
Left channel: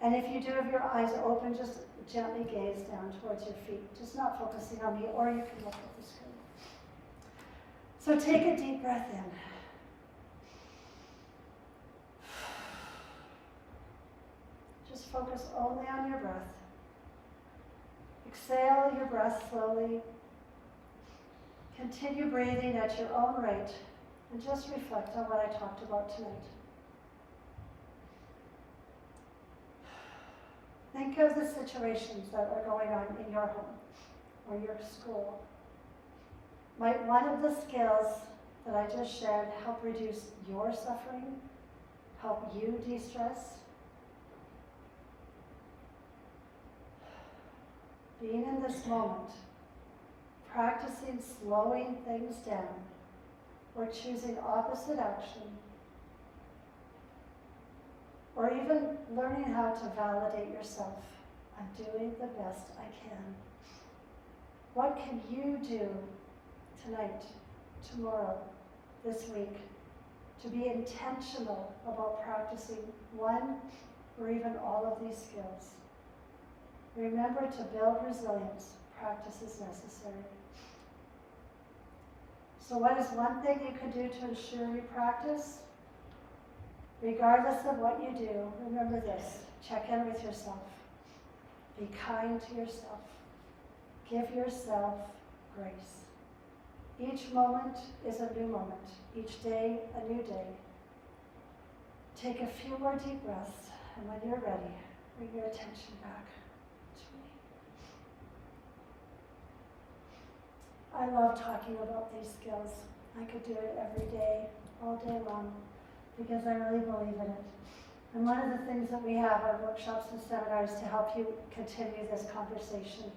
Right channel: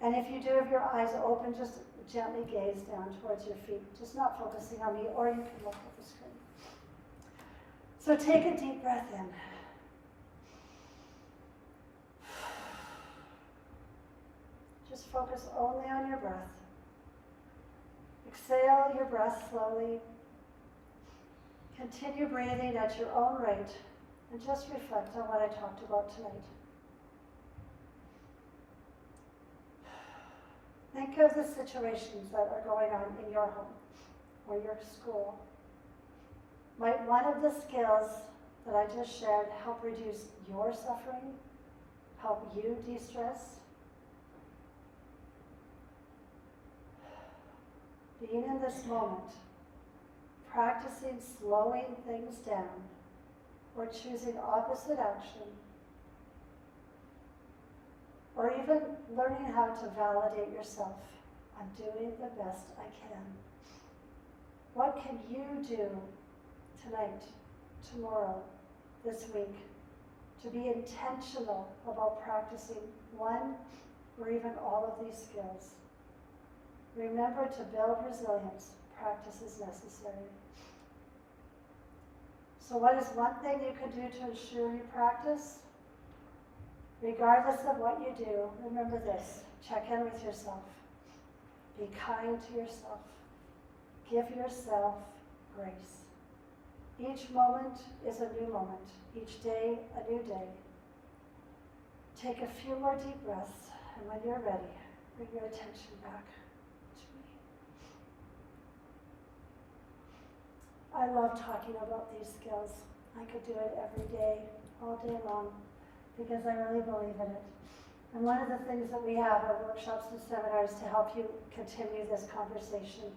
And if you do have your eyes open, just gently gaze down towards your feet, just not focusing on me, or you can look at the screen. So take a deep breath in. Just focus only on your breath. Exhale your breath slowly. Continue breathing at your own rate and just reflect on what I talked about tonight. Think of the situations that are going on in your home or your school. Might one of the skills that I just shared help reduce your suffering, help you de-stress? Being in this moment, practicing slowing things down, or choosing opposite action, or even learning how to validate yourself. I'm doing the best I can. What can you do tonight, tomorrow, this week, to be intentional about practicing one or even all of these skills? Remember, to build resilience, practice is necessary. So what is one thing you could do to ensure you practice? Regardless of what you do, remember this: check in with yourself. Be kind to yourself. Give yourself grace. Each moment is a new moment. Each day, a new day. Take a few more deep breaths, and when you're ready, bring your attention back to me. I love talking about these skills. I could do it every day, all day long, because I really believe in it. And one of the things that we have are workshops and seminars to help you continue this conversation.